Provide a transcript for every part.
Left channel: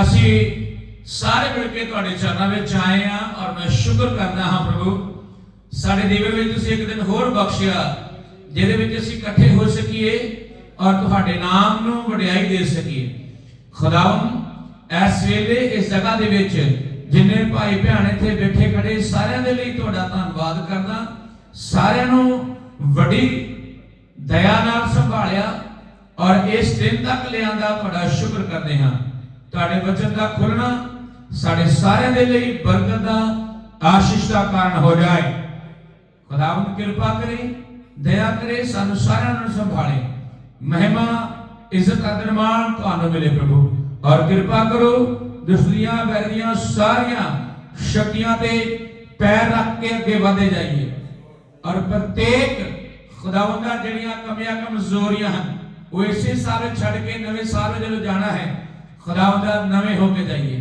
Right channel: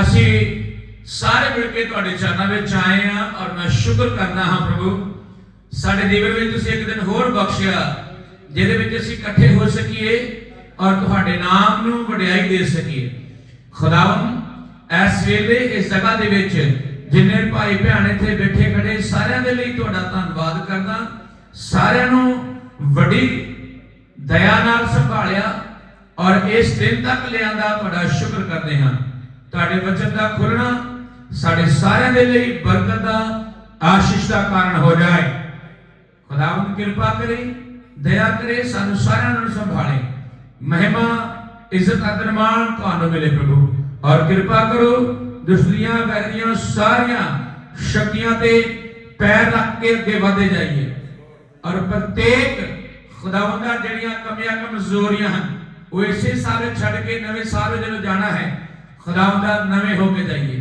असी सारे मिलके तुहाडे चरणों में आए हैं और मैं शुक्र करना हाँ प्रभु साडे जीवन में तुसीं एक दिन होर बख्शिया जिहदे विच असीं इकट्ठे हो सकीए और तुहाडे नाम नूं वडियाई दे सकीए। खुदावंद इस वेले इस जगह दे विच जिन्ने भाई भैन इत्थे बैठे खड़े सारियां दे लई तुहाडा धन्नवाद करदा। सारियां नूं वड्डी दया नाल संभालिया और इस दिन तक लियांदा तुहाडा शुक्र करदे हां। तुहाडे वचन दा खुलना साडे सारियां दे लई बरकत दा आशीष दा कारण हो जाए। खुदावंद कृपा करे दया करे सानू सारियां नूं संभाले। महिमा इज्जत आदर मान तुहानू मिले प्रभु और कृपा करो दुश्मनियां वैरियां सारियां शक्तियां ते पैर रख के अगे बढ़ते जाइए और प्रत्येक खुदावंदा जड़ियां कमियां कमजोरियां हैं वो इसे साल छड़ के नवे साल में जो जाना है खुदावंदा नवे होके जाइए।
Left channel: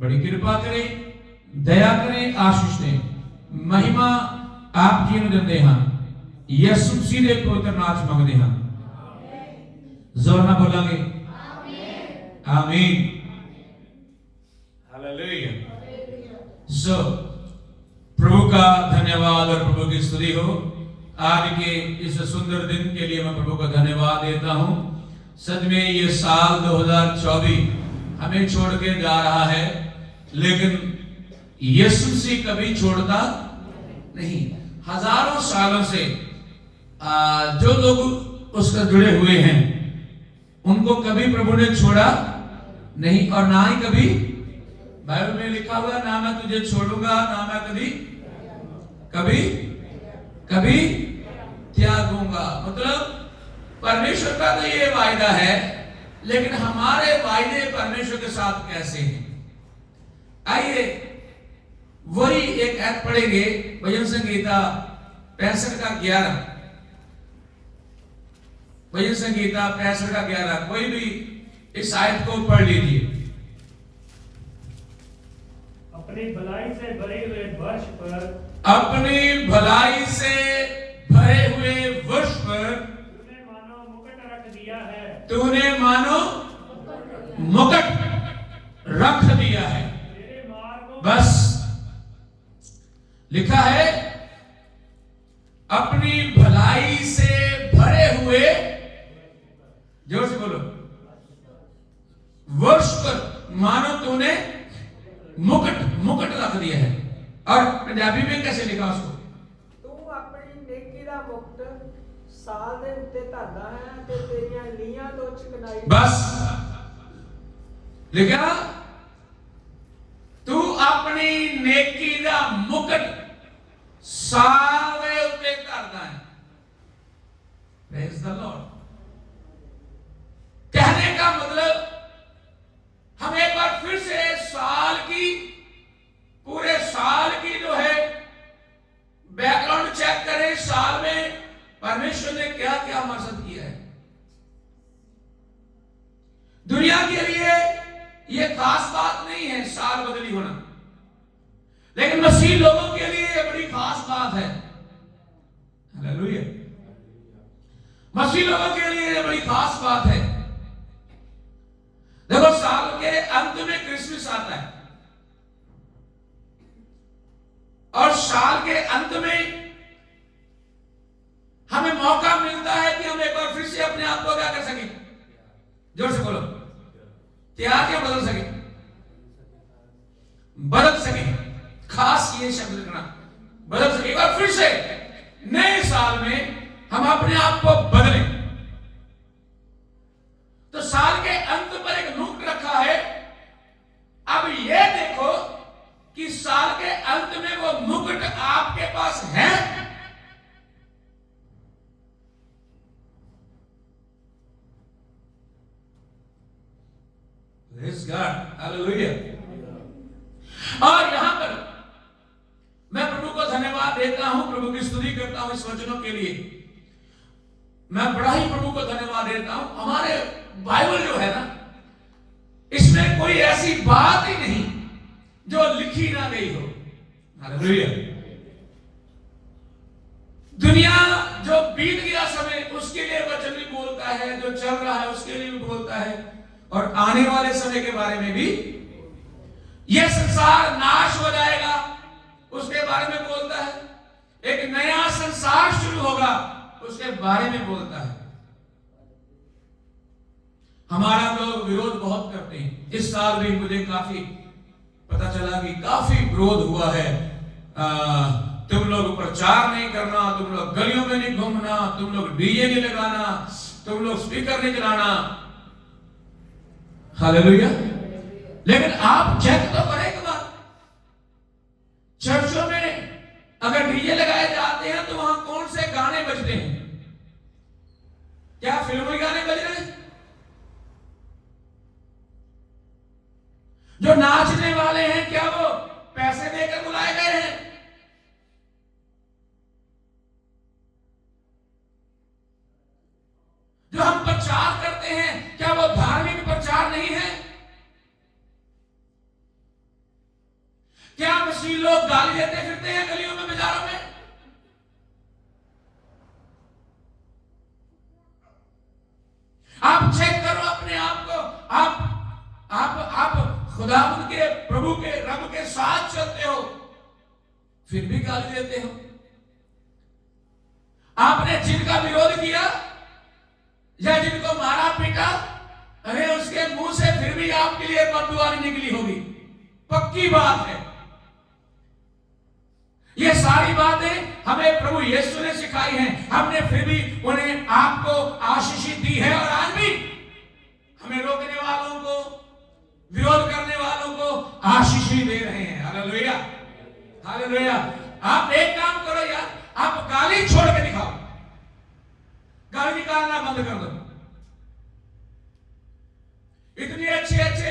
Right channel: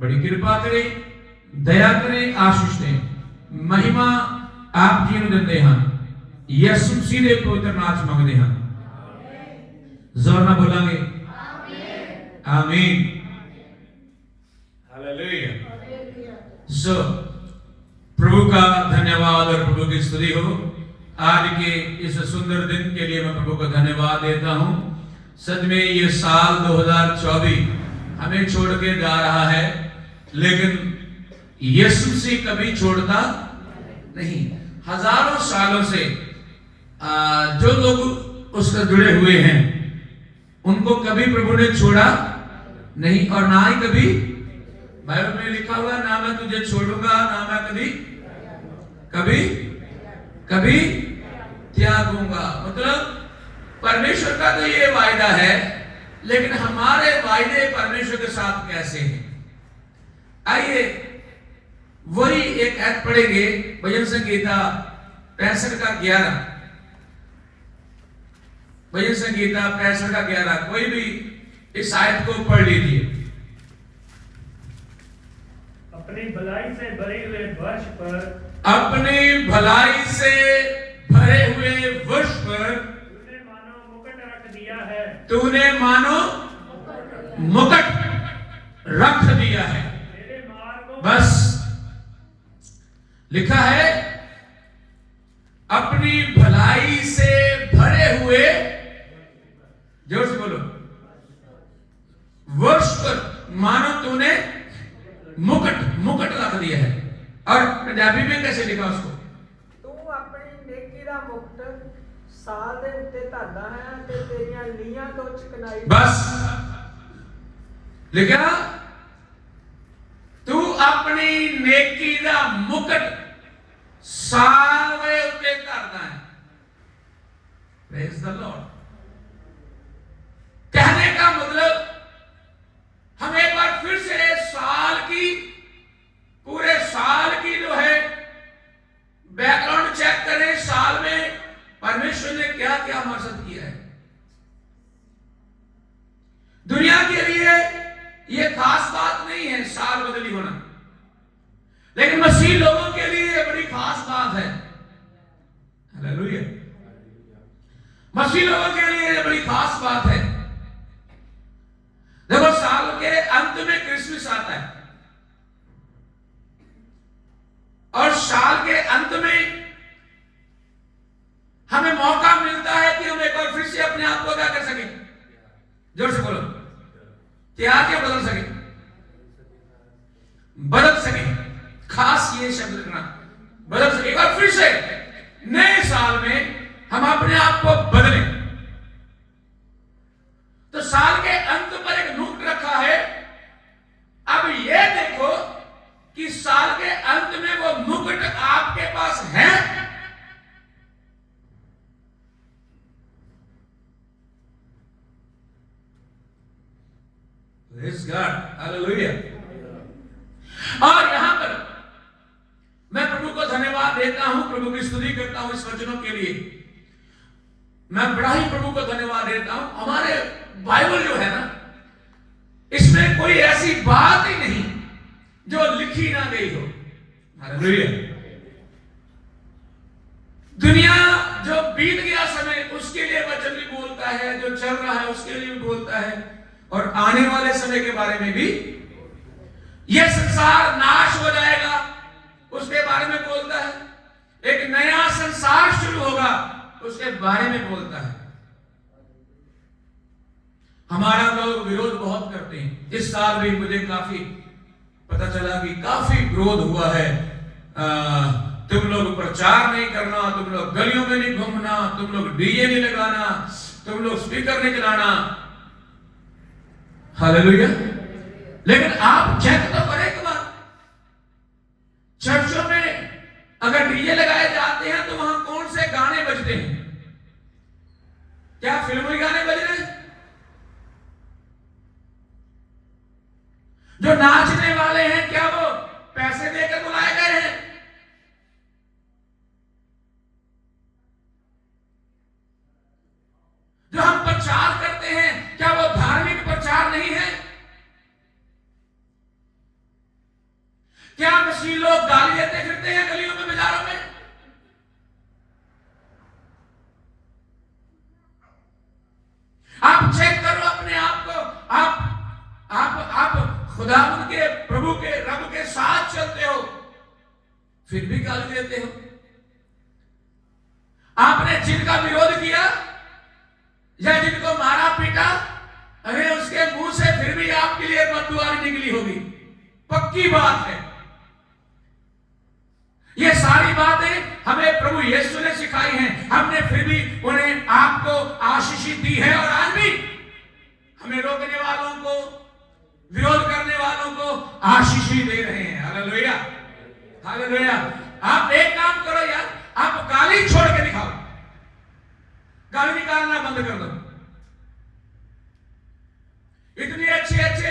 बड़ी कृपा करे दया करे आशीष दे महिमा आप जी नूं दिंदे हां यीशु मसीह दे पवित्र नाम च मंगदे हां। जोर ना बोलांगे आमीन हालेलुया। सो प्रभु का धन्यवाद और प्रभु की स्तुति हो। आज के इस सुंदर दिन के लिए मैं प्रभु का धन्यवाद देता हूं। सच में ये साल 2024 हमें छोड़ के जा रहा है लेकिन यीशु मसीह कभी छोड़ता नहीं। हजारों सालों से जो लोग उससे जुड़े हुए हैं उनको कभी प्रभु ने छोड़ा नहीं और ना ही कभी बाइबल में लिखा हुआ ना मैं तुझे छोड़ूंगा ना मैं कभी कभी त्यागूंगा। मतलब परमेश्वर का तो ये वायदा है लेकिन हमारे वायदे परमेश्वर के साथ कैसे हैं। आइए वही एक ऐड पढ़ेंगे भजन संगीता 65 का 11 भजन संगीता 65 का 11 कोई भी इस आयत को पढ़ लीजिए। अपनी भलाई से भरे हुए वर्ष पर अपनी भलाई से भरे हुए वर्ष पर तूने मानो मुकुट रख दिया है। तूने मानो मुकुट रख दिया है। तेरे मार्गों बस लिखा है अपनी भलाई से भरे हुए जोर से बोलो वर्ष पर मानो तूने मुकुट रख दिया है। और पंजाबी में कैसे लिखा उसको तू अपनी नेकी दा मुकुट साल दे उत्ते धरदा है ते तेरियां लीहां तो चिकनाई। बस लिखा तू अपनी नेकी दा मुकुट साल दे उत्ते धरदा है। Praise the Lord. कहने का मतलब हम एक बार फिर से साल की पूरे साल की जो है बैकग्राउंड चेक करें। साल में परमेश्वर ने क्या क्या हमारे साथ किया है। दुनिया के लिए यह खास बात नहीं है साल बदली होना लेकिन मसीह लोगों के लिए यह बड़ी खास बात है। हालेलुया। मसीह लोगों के लिए यह बड़ी खास बात है। देखो साल के अंत में क्रिसमस आता है और साल के अंत में हमें मौका मिलता है कि हम एक बार फिर से अपने आप को क्या कर सके। जोर से बोलो क्या क्या बदल सके। खास ये शब्द रखना बदल सके। एक बार फिर से नए साल में हम अपने आप को बदलें। तो साल के अंत पर एक मुकुट रखा है। अब ये देखो कि साल के अंत में वो मुकुट आपके पास है। Praise God, Hallelujah। और यहां पर मैं प्रभु को धन्यवाद देता हूं, प्रभु की स्तुति करता हूं इस वचनों के लिए। मैं बड़ा ही प्रभु को धन्यवाद देता हूं। हमारे बाइबल जो है ना इसमें कोई ऐसी बात ही नहीं जो लिखी ना गई हो। हालेलुया। दुनिया जो बीत गया समय उसके लिए वचन भी बोलता है, जो चल रहा है उसके लिए भी बोलता है। और आने वाले समय के बारे में भी। यह संसार नाश हो जाएगा उसके बारे में बोलता है, एक नया संसार शुरू होगा उसके बारे में बोलता है। हमारा लोग विरोध बहुत करते हैं। इस साल भी मुझे काफी पता चला कि काफी विरोध हुआ है। तुम लोग प्रचार नहीं करना, तुम लोग गलियों में नहीं घूमना, तुम लोग डीजे नहीं लगाना, तुम लोग स्पीकर नहीं चलाना। हालेलुया। लेकिन आप चेक तो करें एक बार, चर्चों में अगर डीजे लगाए जाते हैं तो वहां कौन से गाने बजते हैं? क्या फिल्मी गाने बज रहे हैं? जो नाचने वाले हैं क्या वो पैसे देकर बुलाए गए हैं? जो हम प्रचार करते हैं क्या वो धार्मिक प्रचार नहीं है? क्या मसीह लोग गाली देते फिरते हैं गलियों में, बाजारों में? आप चेक करो अपने आप को। आप खुदा के प्रभु के रब के साथ चलते हो फिर भी गाली देते हो। आपने जिनका विरोध किया या जिनको मारा पीटा, अरे उसके मुंह से फिर भी आपके लिए बददुआ निकली होगी, पक्की बात है। ये सारी बातें हमें प्रभु यीशु ने सिखाई हैं, हमने फिर भी उन्हें आपको आशीष दी है। और आज भी हमें रोकने वालों को, विरोध करने वालों को आशीष ही दे रहे हैं। Hallelujah, hallelujah. आप एक काम करो यार, आप गाली छोड़ के दिखाओ, गाली निकालना बंद कर दो। इतने अच्छे अच्छे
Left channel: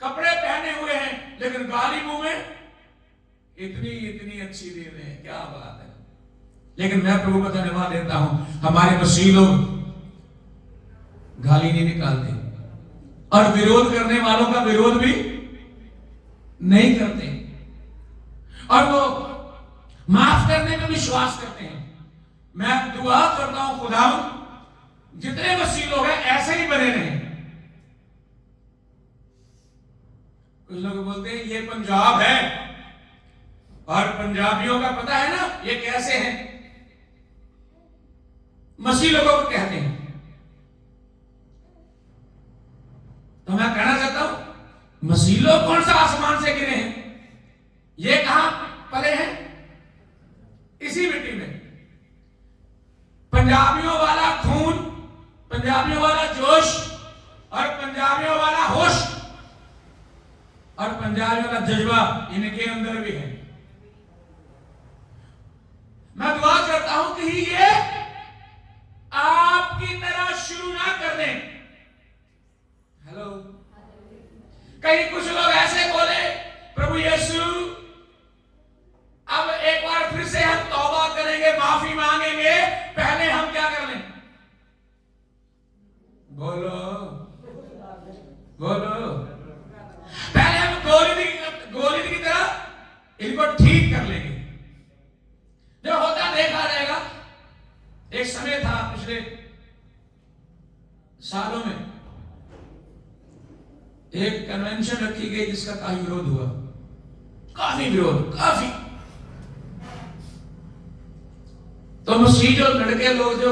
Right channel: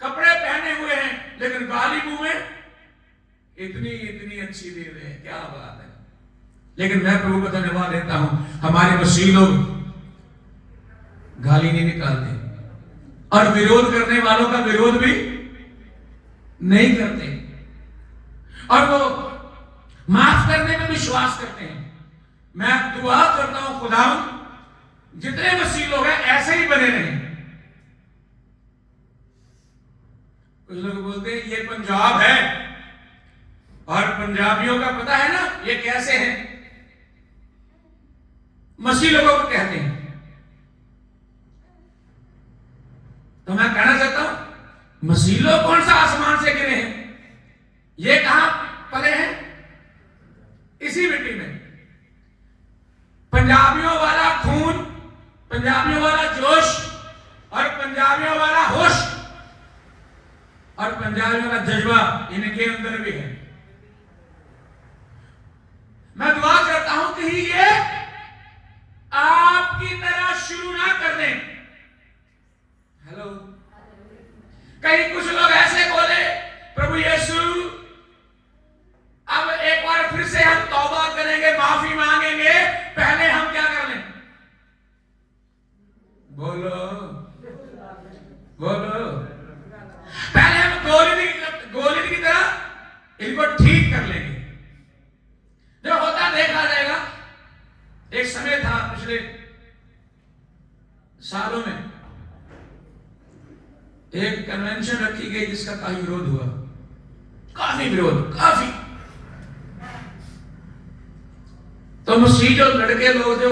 कपड़े पहने हुए हैं लेकिन गाली मुंह में इतनी अच्छी दे रहे हैं, क्या बात है। लेकिन मैं प्रभु का धन्यवाद देता हूं, हमारे मसीह लोग गाली नहीं निकालते और विरोध करने वालों का विरोध भी नहीं करते, और वो माफ करने में विश्वास करते हैं। मैं दुआ करता हूं खुदा जितने मसीह लोग हैं ऐसे ही बने रहे। कुछ लोग बोलते हैं ये पंजाब है और पंजाबियों का पता है ना ये कैसे हैं, मसीह लोगों को कहते हैं। तो मैं कहना चाहता हूं मसीह लोग कौन सा आसमान से गिरे हैं? ये कहां पले हैं? इसी मिट्टी में। पंजाबियों वाला खून, पंजाबियों वाला जोश और पंजाबियों वाला होश और पंजाबियों का जज्बा इनके अंदर भी है। मैं दुआ करता हूं कि ये आपकी तरह शुरू ना कर दें। हेलो, कहीं कुछ लोग ऐसे बोले प्रभु यीशु अब एक बार फिर से हम तौबा करेंगे, माफी मांगेंगे, पहले हम क्या कर लें? बोलो बोलो, पहले हम गोली की तरह इनको ठीक कर लेंगे। जो होता देखा जाएगा। एक समय था पिछले सालों में एक कन्वेंशन रखी गई जिसका काफी विरोध हुआ, काफी विरोध, काफी। तो मसीह जो लड़के लोग जो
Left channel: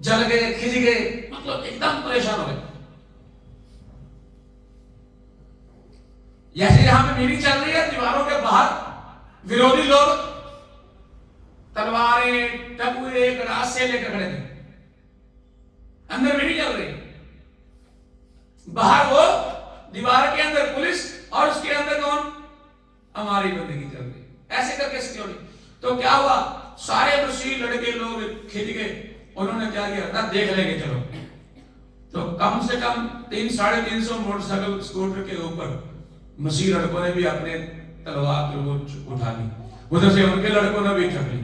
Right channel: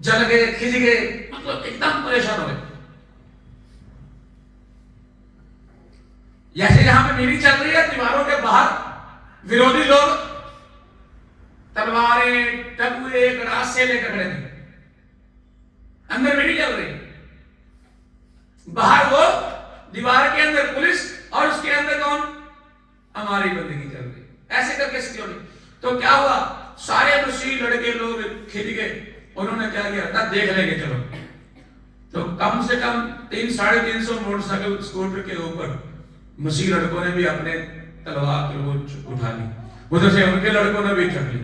जल गए, खिंच गए, मतलब एकदम परेशान हो गए। जैसे यहां पे मीटिंग चल रही है, दीवारों के बाहर विरोधी लोग तलवारें, टबुए, गड़ासे लेकर खड़े थे। अंदर मीटिंग चल रही, बाहर वो दीवार के अंदर पुलिस और उसके अंदर कौन? हमारी बंदगी चल रही, ऐसे करके सिक्योरिटी। तो क्या हुआ, सारे मसीह लड़के लोग खिंच गए। उन्होंने क्या किया था, देख लेंगे चलो। तो कम से कम 300-350 मोटरसाइकिल स्कूटर के ऊपर मसीह लड़कों ने भी अपने तलवार उठा ली, उधर से उनके लड़कों ने भी चढ़ ली।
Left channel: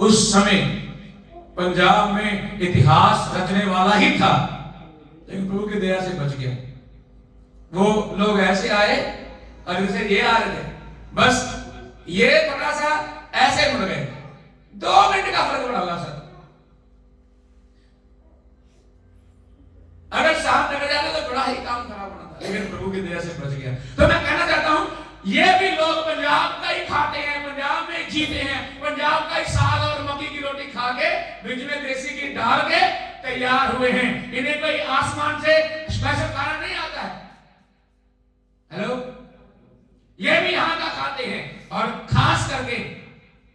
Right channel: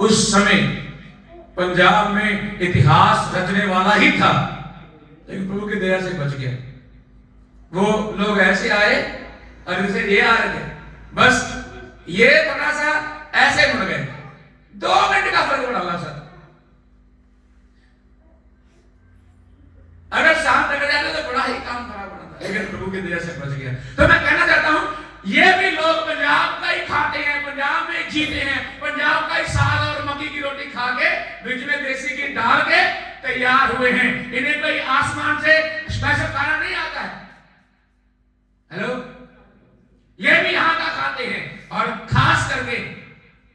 उस समय पंजाब में इतिहास रचने वाला ही था, लेकिन प्रभु की दया से बच गया। वो लोग ऐसे आए और जैसे ये आ रहे थे, बस ये थोड़ा सा ऐसे मुड़ गए, 2 मिनट का फर्क पड़ा सर। अगर साथ निकल जाते तो बड़ा ही काम खराब होना था, लेकिन प्रभु की दया से बच गया। तो मैं कहना चाहता हूं, ये भी लोग पंजाब का ही खाते हैं, पंजाब में जीते हैं, पंजाब का ही साग और मक्की की रोटी खा के बीच में देसी घी डाल के तैयार हुए हैं। इन्हें कोई आसमान से स्पेशल खाना नहीं आता है। हेलो, ये भी यहां का खाते हैं, और खास करके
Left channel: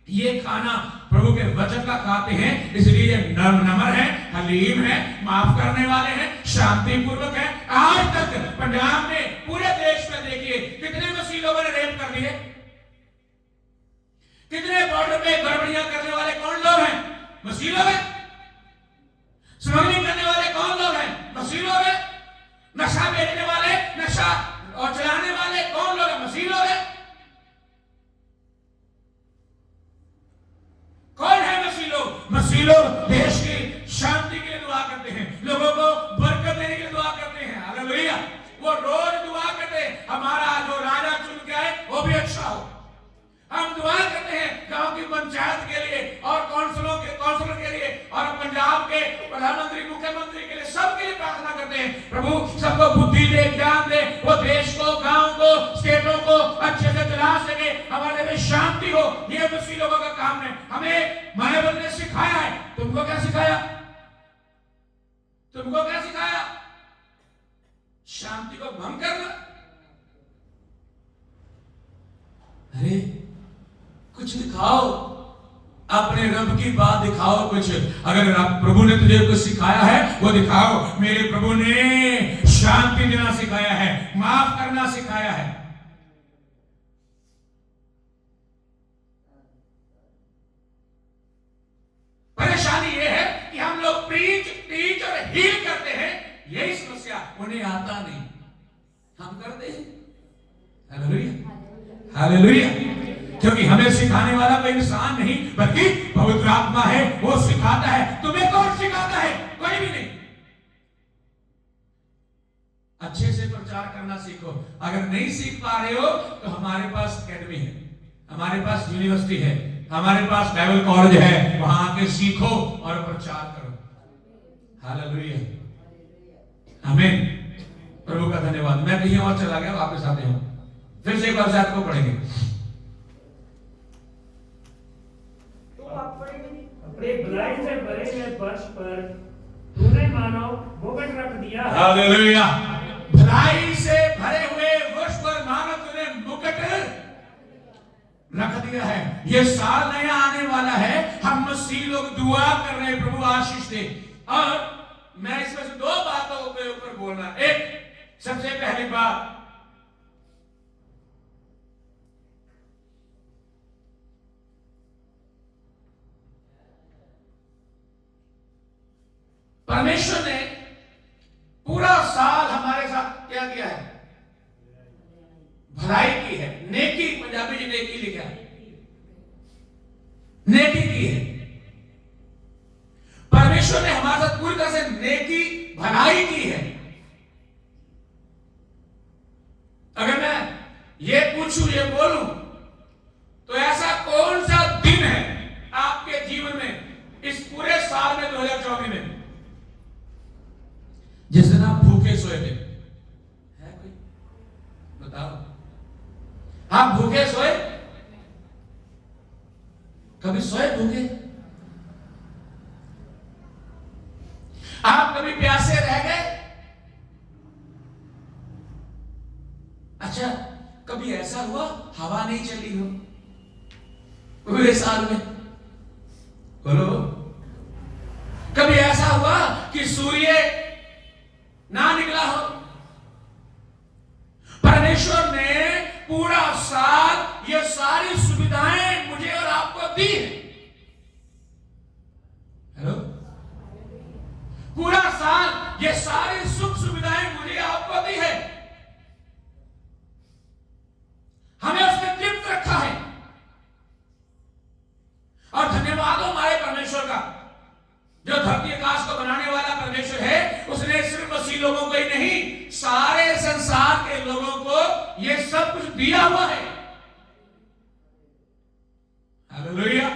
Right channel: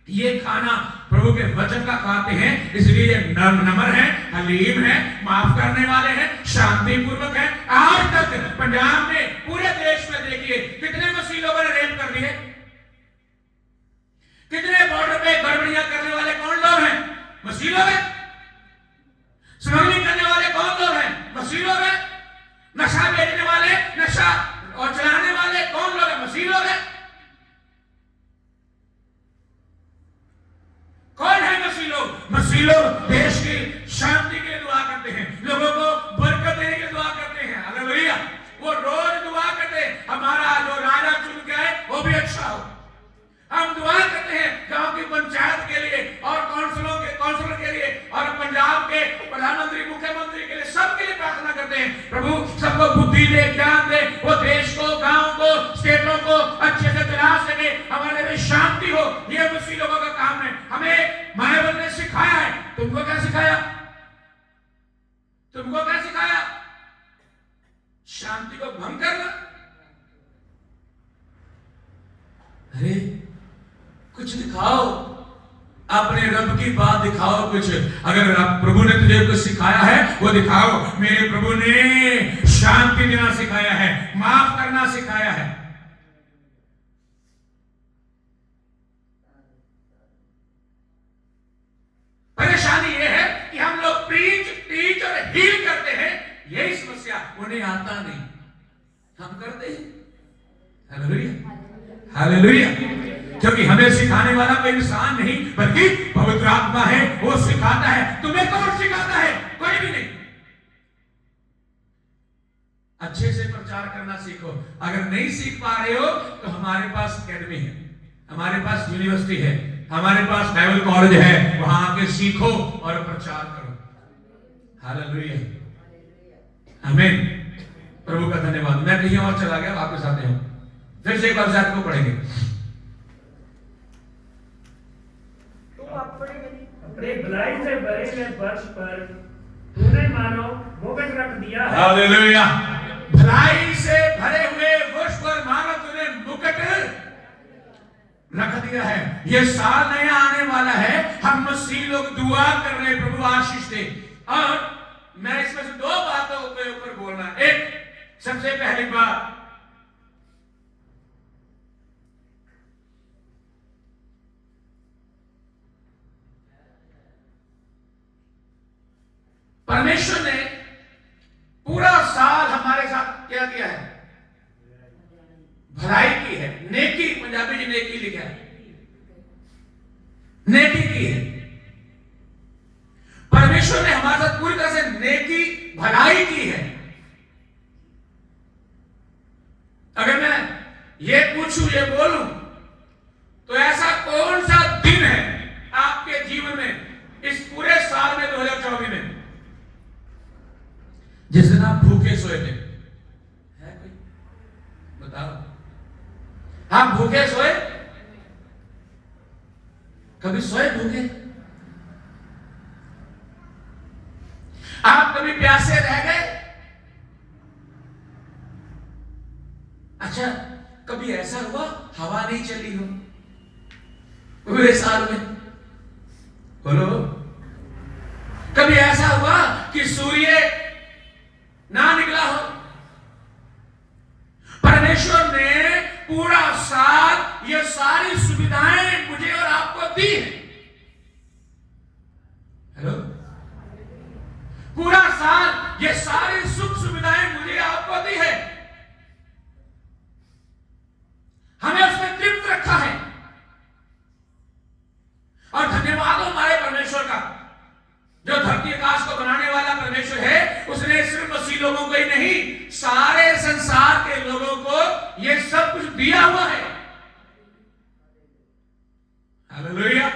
ये खाना प्रभु के वचन का खाते हैं, इसलिए ये नम्र है, हलीम है, माफ करने वाले हैं, शांति पूर्वक है। आज तक पंजाब में, पूरे देश में देखिए कितने मसीह लोगों ने रेप कर लिए, कितने बॉर्डर पे गड़बड़ियां करने वाले कौन लोग हैं? मसीह लोग हैं। स्मगलिंग करने वाले कौन लोग हैं? मसीह लोग हैं। नशा बेचने वाले, नशा और चलाने वाले कौन लोग हैं? मसीह लोग हैं। कौन है मसीह लोग? मसीह लोग देश की शांति के लिए दुआ करते हैं, लोगों को बरकत देने के लिए दुआ करते हैं। हालेलुया। वो रोज दुआ करते हैं, हमारा जो राजा चुन के आए वो भी अच्छा हो। हम दुआ करते हैं गांव की पंचायत के लिए और काउंसिलर के लिए और पंजाब के प्रधानमंत्री, मुख्यमंत्री के लिए, सबके लिए प्रार्थना करते हैं, प्रभु सबको बुद्धि दे, ज्ञान दे, वो देश को, गांव को, स्टेटों को अच्छे से चला सके, हमारे में शांति हो। ये मसीह लोगों का काम है। हमें बाइबल ने सिखाया है। तुमको क्या सिखाया? तुमको क्या सिखाया? शांति को भंग करना। अरे कुछ दिखाओ, अपने रब की बात दिखाओ कुछ। अगर प्रभु ने तुझे कुछ सिखाया है वो दिखाओ। मेरे प्रभु ने शांति देना सिखाया है, माफ करना सिखाया है। परेशानी ये है कि हम लोग प्रीच, टीच और हील करते हैं, यही समस्या। उन्हें आता नहीं, हम करते हैं। Hallelujah, hallelujah. क्योंकि हमें सिखाने वाला कोई इंसान नहीं, बल्कि पवित्र आत्मा है, वो सिखाता है। तुम्हें कौन सिखाता है? कोई भी नहीं। अच्छे से प्रचार करना सीखो। अगर नहीं सीख पा रहे हो तो हमारे पास एकेडमी है, हमारे पास यूनिवर्सिटी है, हमारे पास बाइबल कॉलेज है, वहां आके सीखो और प्रचार करो। हालेलुया, आमीन। प्रभु का धन्यवाद। मैं कहीं और चला गया, वापस आते हैं, फिर से एक बार आपको पढ़ेंगे। अपनी भलाई से भरे हुए वर्ष पर तूने मानो मुकुट रख दिया है। हालेलुया। भलाई से भरे हुए वर्ष पर मानो तूने मुकुट रख दिया है। ये साल नया आने वाला है, हम मसीह लोग दुआ कर रहे हैं, प्रभु आशीष दे। और मैं इसमें से दो बातों के ऊपर बोलना। एक, सबसे पहली बात, परमेश्वर ने पूरा साल हमारे साथ क्या किया है? भलाई की है, नेकी, पंजाबी जी नेकी लिखा है, नेकी की है। परमेश्वर ने हमारे साथ पूरी तरह से नेकी, भलाई की है। अगर मैं ये पूछूं, ये बोलूं, तो ऐसा कौन सा दिन है आपके जीवन में इस पूरे साल में 2024 में जिस दिन आप भूखे सोए थे? है कोई? बताओ। आप भूखे सोए? कभी सोए भूखे? आप कभी प्यासे रह गए? अच्छा, कभी ऐसा हुआ हवा नहीं चली हो पूरे साल में? बोलो। कभी ऐसा हुआ कि सूर्य ना निकला हो? परमेश्वर ने पूरा साल ये सारी सुविधाएं मुझे और आपको दी है। हेलो, पूरा साल ये सारी सुख सुविधाएं मुझे आपको दी है। हमें उसमें तृप्त रखा है, और धन्यवाद हो हमारे परमेश्वर का, जो धरती आकाश को बनाने वाला परमेश्वर है। उसने सिर्फ मसीह लोगों को ही नहीं, सारे संसार के लोगों को ये सब कुछ दिया हुआ है। हालेलुया,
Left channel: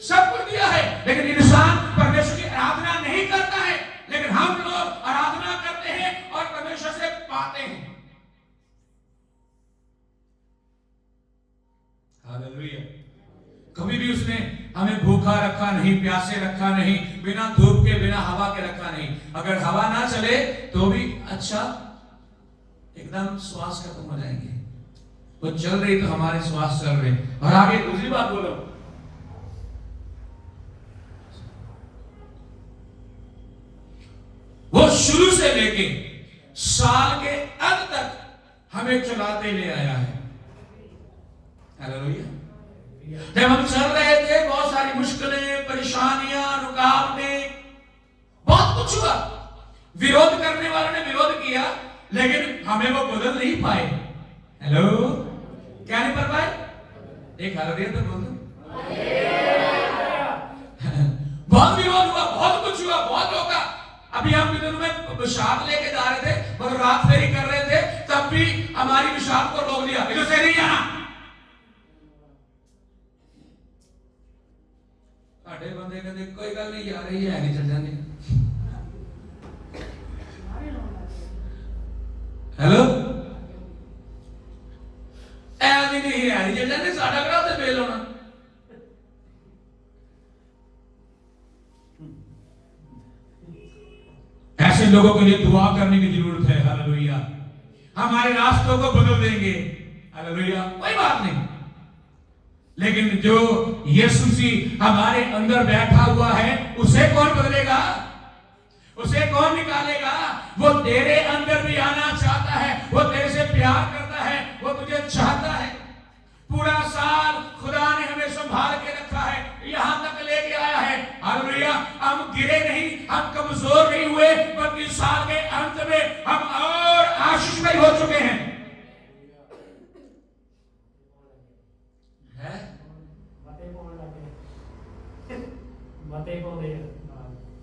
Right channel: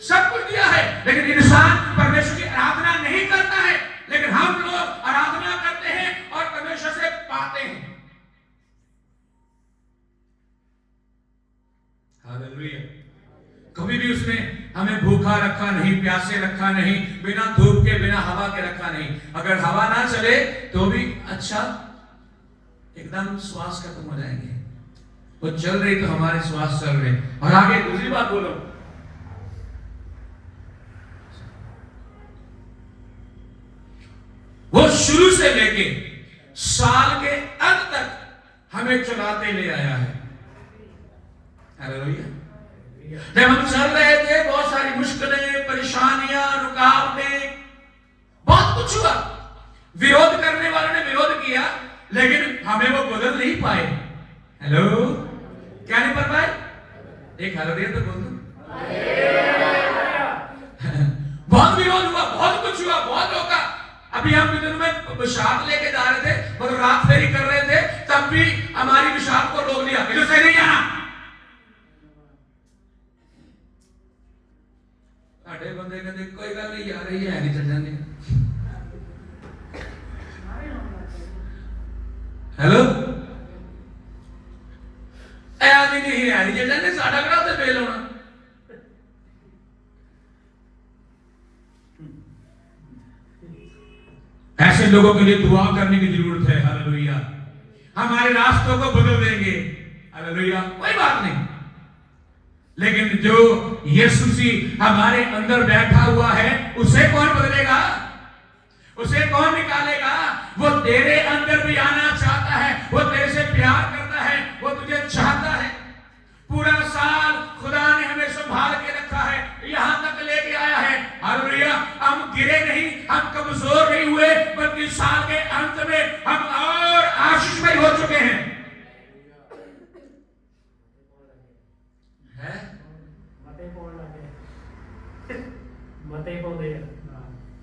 सब कुछ दिया है। लेकिन इंसान परमेश्वर की आराधना नहीं करता है, लेकिन हम लोग आराधना हालेलुया। कभी भी उसने हमें भूखा रखा नहीं, प्यासे रखा नहीं, बिना धूप के बिना हवा के रखा नहीं। अगर हवा ना चले तो भी अच्छा, एकदम श्वास खत्म हो जाएंगे। वो चल रही तो हमारे श्वास चल रहे। और आगे दूसरी बात बोलो, वो शुरू से लेके साल के अंत तक हमें चलाते ले आया है। हालेलुया। जब हम चल रहे थे बहुत सारी मुश्किलें, परेशानियां, रुकावटें, बहुत कुछ हुआ। विरोध करने वालों ने विरोध किया, लेकिन हमें वो बदल नहीं पाए। हेलो, क्या नहीं कर पाए? एक हालेलुया तो बोल दो। बहुत विरोध हुआ, बहुत कुछ हुआ, बहुत होगा। अभी हम इधर में विशाख लेके जा रहे थे, मतलब रात फेरी कर रहे थे, तब भी हमारी विशाख को रोक दिया, इधर से नहीं आना। साढ़े बंदे कहते कोई गल नहीं यार, ये है नहीं, चल जाने। हेलो, ऐसी नहीं है नहीं, चल जाने। साढ़ा करा तो फेल होना। ऐसे लोगों के लिए दुआ करने की जरूरत है। हालेलुया। हमारे रास्तों को बदल देंगे। हालेलुया। कोई बात नहीं, लेकिन जो यीशु मसीह हमारे अंदर बैठा हुआ है, उसे कौन बदलेगा? उसे कौन निकालेगा? वो तेरे अंदर भी आना चाहता है, वो तेरे से प्यार करता है, वो तुझे चाहता है। पूरा साल खुदा ने हमें संभाल के रखा है, यहां तक लेके आया है। हालेलुया। हम गिरे नहीं, हम कमजोर नहीं हुए, बल्कि साल के अंत में हम और आशीषमय हो चुके हैं।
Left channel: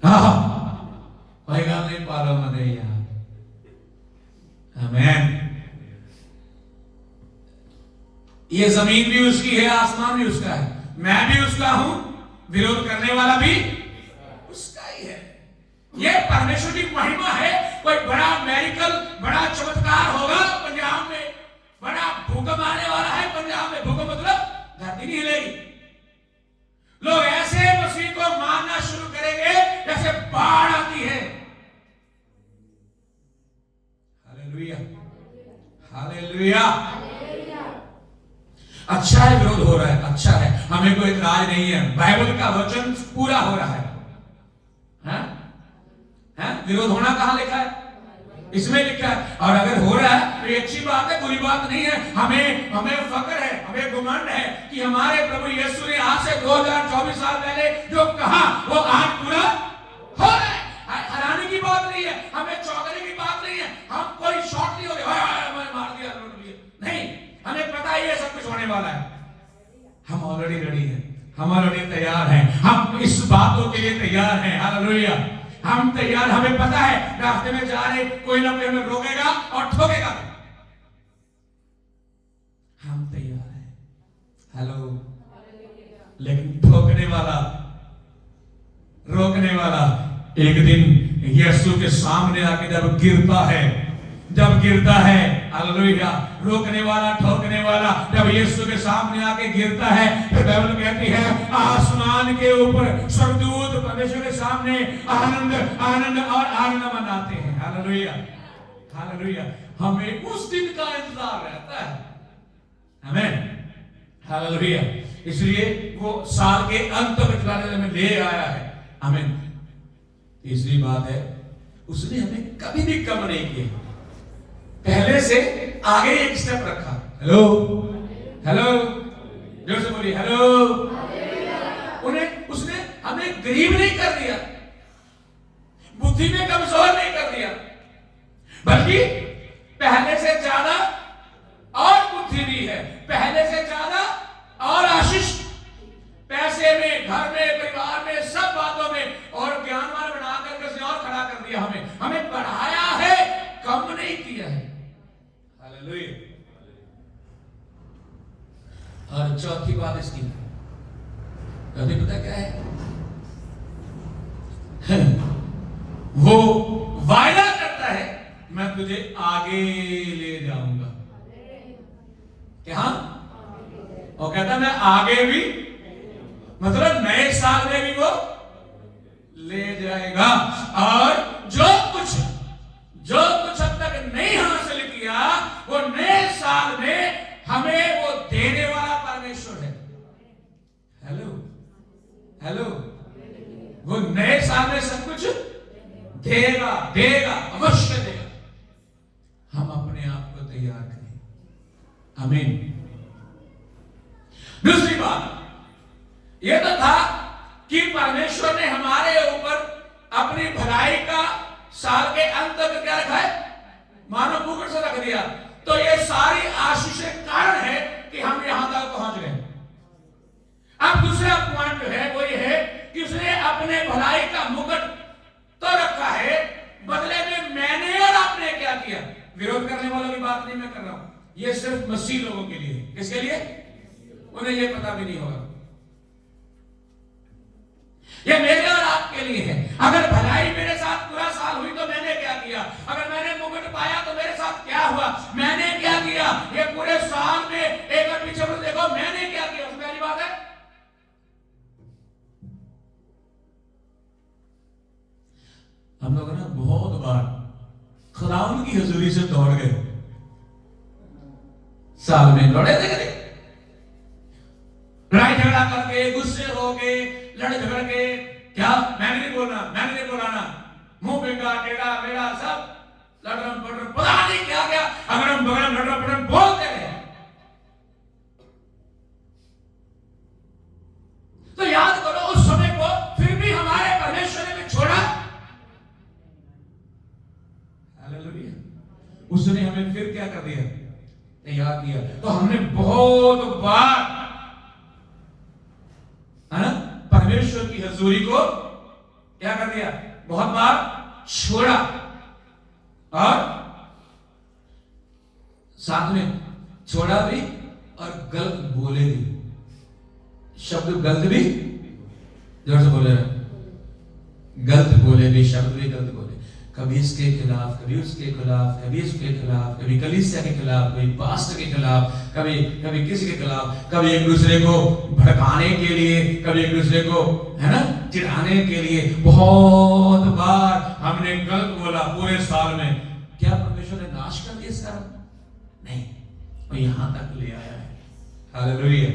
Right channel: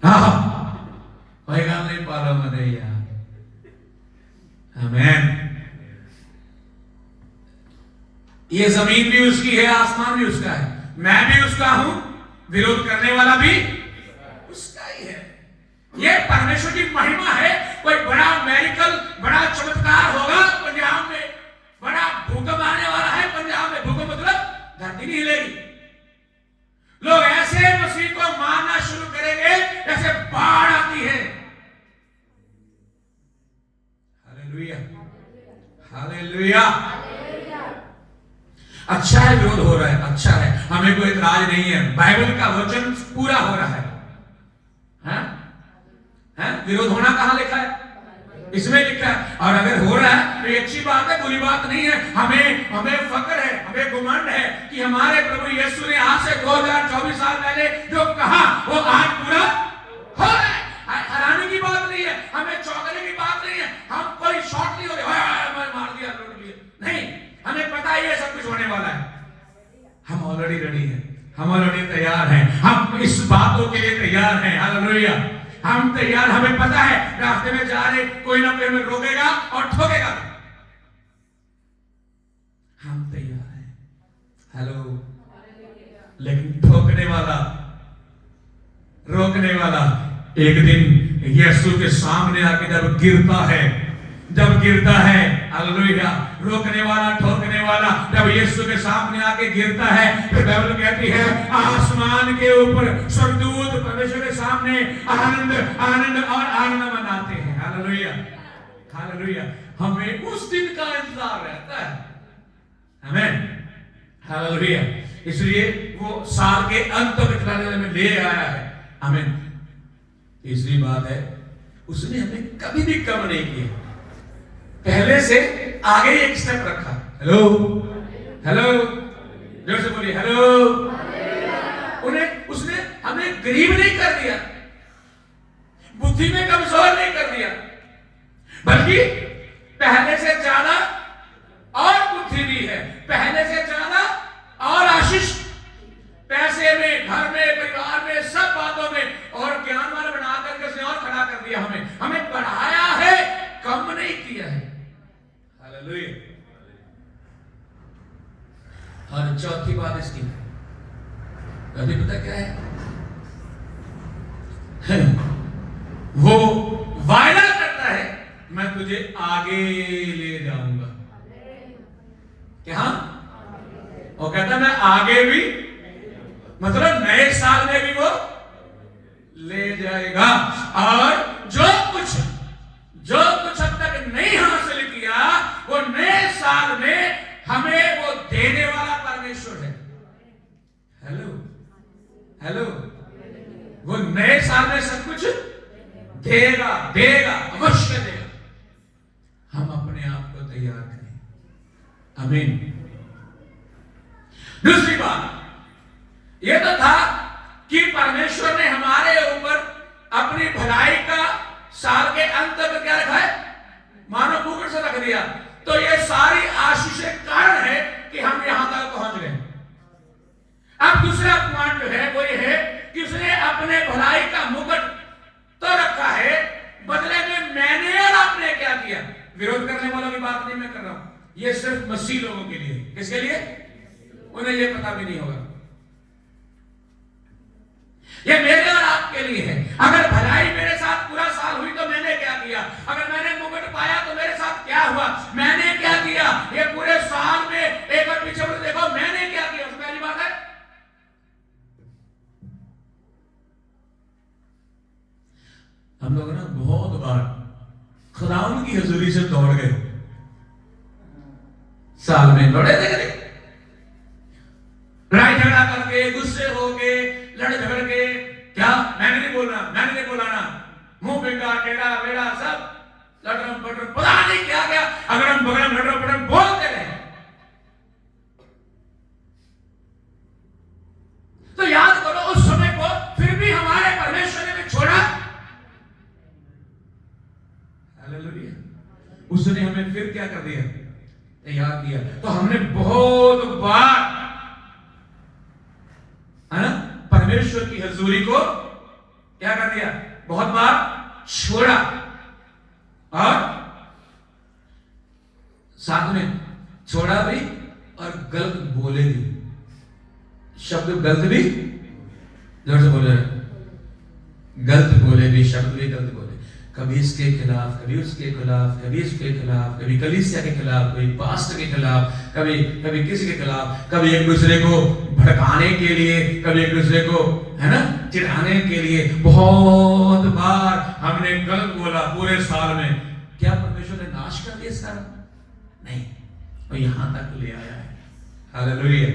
हाँ, कोई गल नहीं, पालो मते यार। आमीन। ये जमीन भी उसकी है, आसमान भी उसका है, मैं भी उसका हूं, विरोध करने वाला भी उसका ही है। ये परमेश्वर की महिमा है। कोई बड़ा मेडिकल, बड़ा चमत्कार होगा पंजाब में, बड़ा भूकंप आने वाला है पंजाब में। भूकंप मतलब धरती नहीं हिलेगी। लोग ऐसे मसीह को मानना शुरू करेंगे जैसे बाढ़ आती है। Hallelujah, hallelujah. अच्छा है विरोध हो रहा है, अच्छा है, हमें कोई इतराज नहीं है। बाइबल का वचन पूरा हो रहा है। विरोध होना कहां लिखा है? इसमें लिखा है। और अगर हो रहा है तो ये अच्छी बात है, बुरी बात नहीं है। हमें फक्र है, हमें घमंड है कि हमारे प्रभु यीशु ने आज से 2024 साल पहले जो कहा वो आज पूरा हो रहा है। हैरानी की बात नहीं है, हमें चौंकने की बात नहीं है। हम कोई शॉट नहीं हो गया, मार दिया, नहीं। हमें पता ही है सब कुछ होने वाला है। हम ऑलरेडी रेडी हैं, हम ऑलरेडी तैयार हैं, हम इस बातों के लिए तैयार हैं। हालेलुया। हम तैयार, हमें पता है रास्ते में जा रहे कोई ना कोई हमें रोकेगा और ठोकेगा, हम तैयार हैं। हेलो। लेकिन ठोकने वाला, रोकने वाला एक दिन यीशु के सामने आके जब गिरता है, हालेलुया। रोकने वाला, ठोकने वाला जब यीशु के सामने आके गिरता है, तो बाइबल कहती है आसमान के ऊपर स्वर्गदूत परमेश्वर के सामने आनंद और आनंद मनाते हैं। Hallelujah, hallelujah. हमें उस दिन का इंतजार रहता है। आमीन, हालेलुया। इसलिए वो साल के अंत तक खिलाने में ले आया है। आमीन। तीसरी बात है, उसने हमें कभी भी कम नहीं किया, पहले से आगे एक स्टेप रखा। हेलो, हेलो, जोर से बोलिए हेलो। उसने हमें गरीब नहीं कर दिया, बुद्धि में कमजोर नहीं कर दिया, बल्कि पहले से ज्यादा और बुद्धि दी है, पहले से ज्यादा और आशीष, पैसे में, घर में, परिवार में, सब बातों में, और ज्ञानवान बना करके उसने और खड़ा कर दिया। हमें बढ़ाया है, कम नहीं किया है। हालेलुया। और चौथी बात इसकी, अभी पता क्या है? वो वायदा करता है मैं तुझे आगे ले जाऊंगा। क्या? और कहता मैं आगे भी, मतलब नए साल में भी वो ले जाएगा। और जो कुछ अब तक नहीं हासिल किया वो नए साल में हमें वो देने वाला परमेश्वर है। हेलो, वो नए साल में सब कुछ देगा, अवश्य देगा। हम अपने आप को तैयार करें। आमीन। दूसरी बात यह तो था कि परमेश्वर ने हमारे ऊपर अपनी भलाई का साल के अंत तक क्या रखा है, मानो मुकुट से रख दिया। तो ये सारी आशीषें कारण है कि हम यहां तक पहुंच गए। अब दूसरा पॉइंट जो है वो ये है कि उसने अपने भलाई का मुकुट तो रखा है, बदले में मैंने और आपने क्या किया। विरोध करने वालों की बात नहीं मैं कर रहा हूं, ये सिर्फ मसीह लोगों के लिए। किसके लिए? उन्हें ये पता भी नहीं होगा। ये मेरे और आपके लिए है। अगर भलाई मेरे साथ पूरा साल हुई तो मैंने क्या किया, अगर मैंने मुकुट पाया तो मेरे साथ क्या हुआ, मैंने क्या किया। ये पूरे साल में एक और पीछे मुड़ देखो मैंने क्या किया, उसमें पहली बात है हम लोग ना बहुत बार खुदावंद की हुजूरी से दौड़ गए। साल में दौड़े थे, लड़ाई झगड़ा करके, गुस्से हो गए, लड़ झगड़ के, क्या मैंने नहीं बोला ना, मुंह बेगा टेढ़ा बेड़ा सब लड़रम पड़रम पता नहीं क्या क्या, अगरम बगरम लड़रम पड़रम बोलते रहे। तो याद करो उस समय को, फिर भी हमारे परमेश्वर ने भी छोड़ा। हालेलुया। उसने हमें फिर क्या कर दिया, तैयार किया। तो हमने बहुत बार है ना परमेश्वर की हजूरी को क्या कर दिया, बहुत बार छोड़ा। और साथ में छोड़ा भी और गलत बोले भी, शब्द गलत भी, जोर से बोले, गलत बोले भी, शब्द भी गलत बोले। कभी इसके खिलाफ, कभी उसके खिलाफ, कभी इसके खिलाफ, कभी कलीसिया के खिलाफ, कभी पास्टर के खिलाफ, कभी किसी के खिलाफ, कभी एक दूसरे को भड़काने के लिए, कभी एक दूसरे को है ना चिढ़ाने के लिए। बहुत बार हमने गलत बोला पूरे साल में। क्या परमेश्वर ने नाश कर दिया इस कारण? नहीं, वो यहां तक ले आया है। Hallelujah,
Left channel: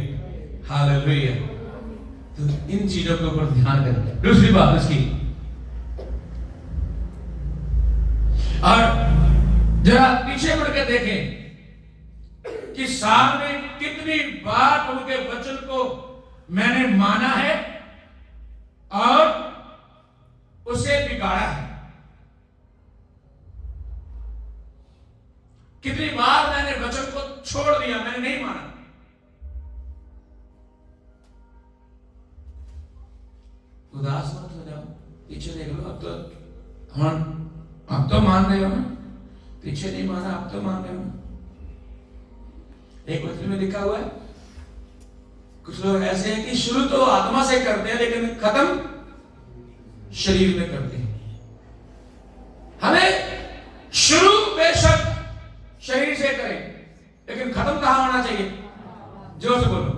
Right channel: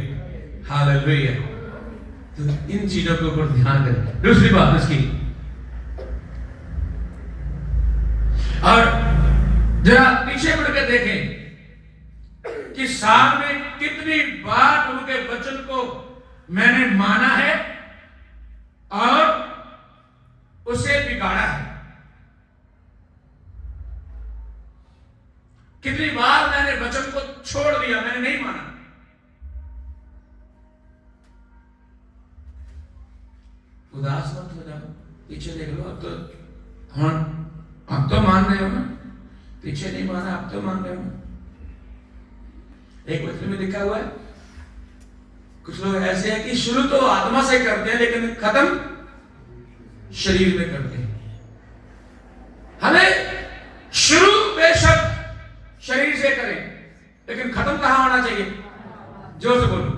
hallelujah. तो इन चीजों के ऊपर ध्यान दें। दूसरी बात इसकी, और जरा पीछे बढ़ के देखें कि साल में कितनी बार उनके वचन को मैंने माना है और उसे बिगाड़ा है। कितनी बार मैंने वचन को छोड़ दिया, मैंने नहीं माना। उदास मत हो जाओ, पीछे देख लो। अब तो मान रहे हो ना, पीछे नहीं माना, अब तो मान रहे हो ना। एक वचन में लिखा हुआ है, कुछ लोग ऐसे हैं कि शुरू तो आत्मा से करते हैं लेकिन खत्म शरीर में करते हैं। हमें शुरू बेशक शरीर से करें लेकिन खत्म कहां होना चाहिए? जोर से बोलो,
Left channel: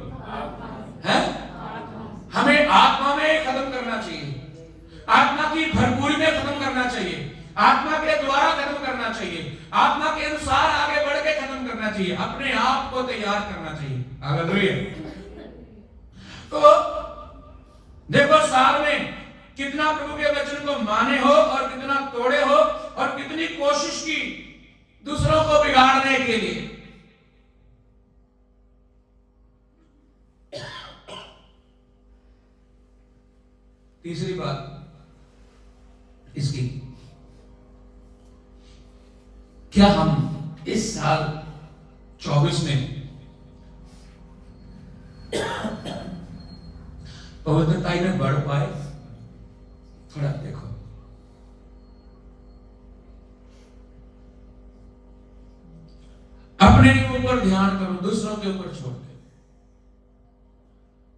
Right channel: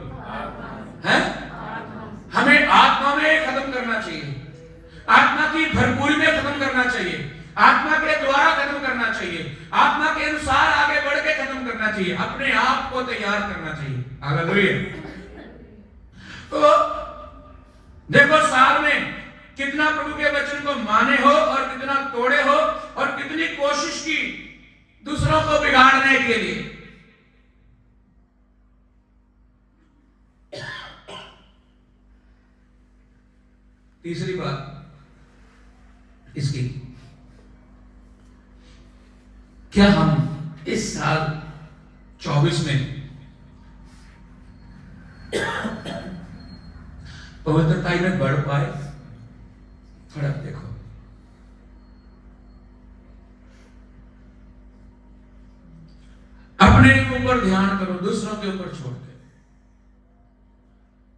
है? हमें आत्मा में खत्म करना चाहिए, आत्मा की भरपूरी में खत्म करना चाहिए, आत्मा के द्वारा खत्म करना चाहिए, आत्मा के अनुसार आगे बढ़ के खत्म करना चाहिए, अपने आप को तैयार करना चाहिए। हालेलुया। तो देखो साल में कितना प्रभु के वचन को माने हो और कितना तोड़े हो और कितनी कोशिश की दूसरों को बिगाड़ने के लिए। तीसरी बात इसकी, क्या हम इस साल 24 में पवित्रता में बढ़ पाए? थोड़ा देखो, अपने ऊपर ध्यान करो, दूसरों के ऊपर छोड़ दे।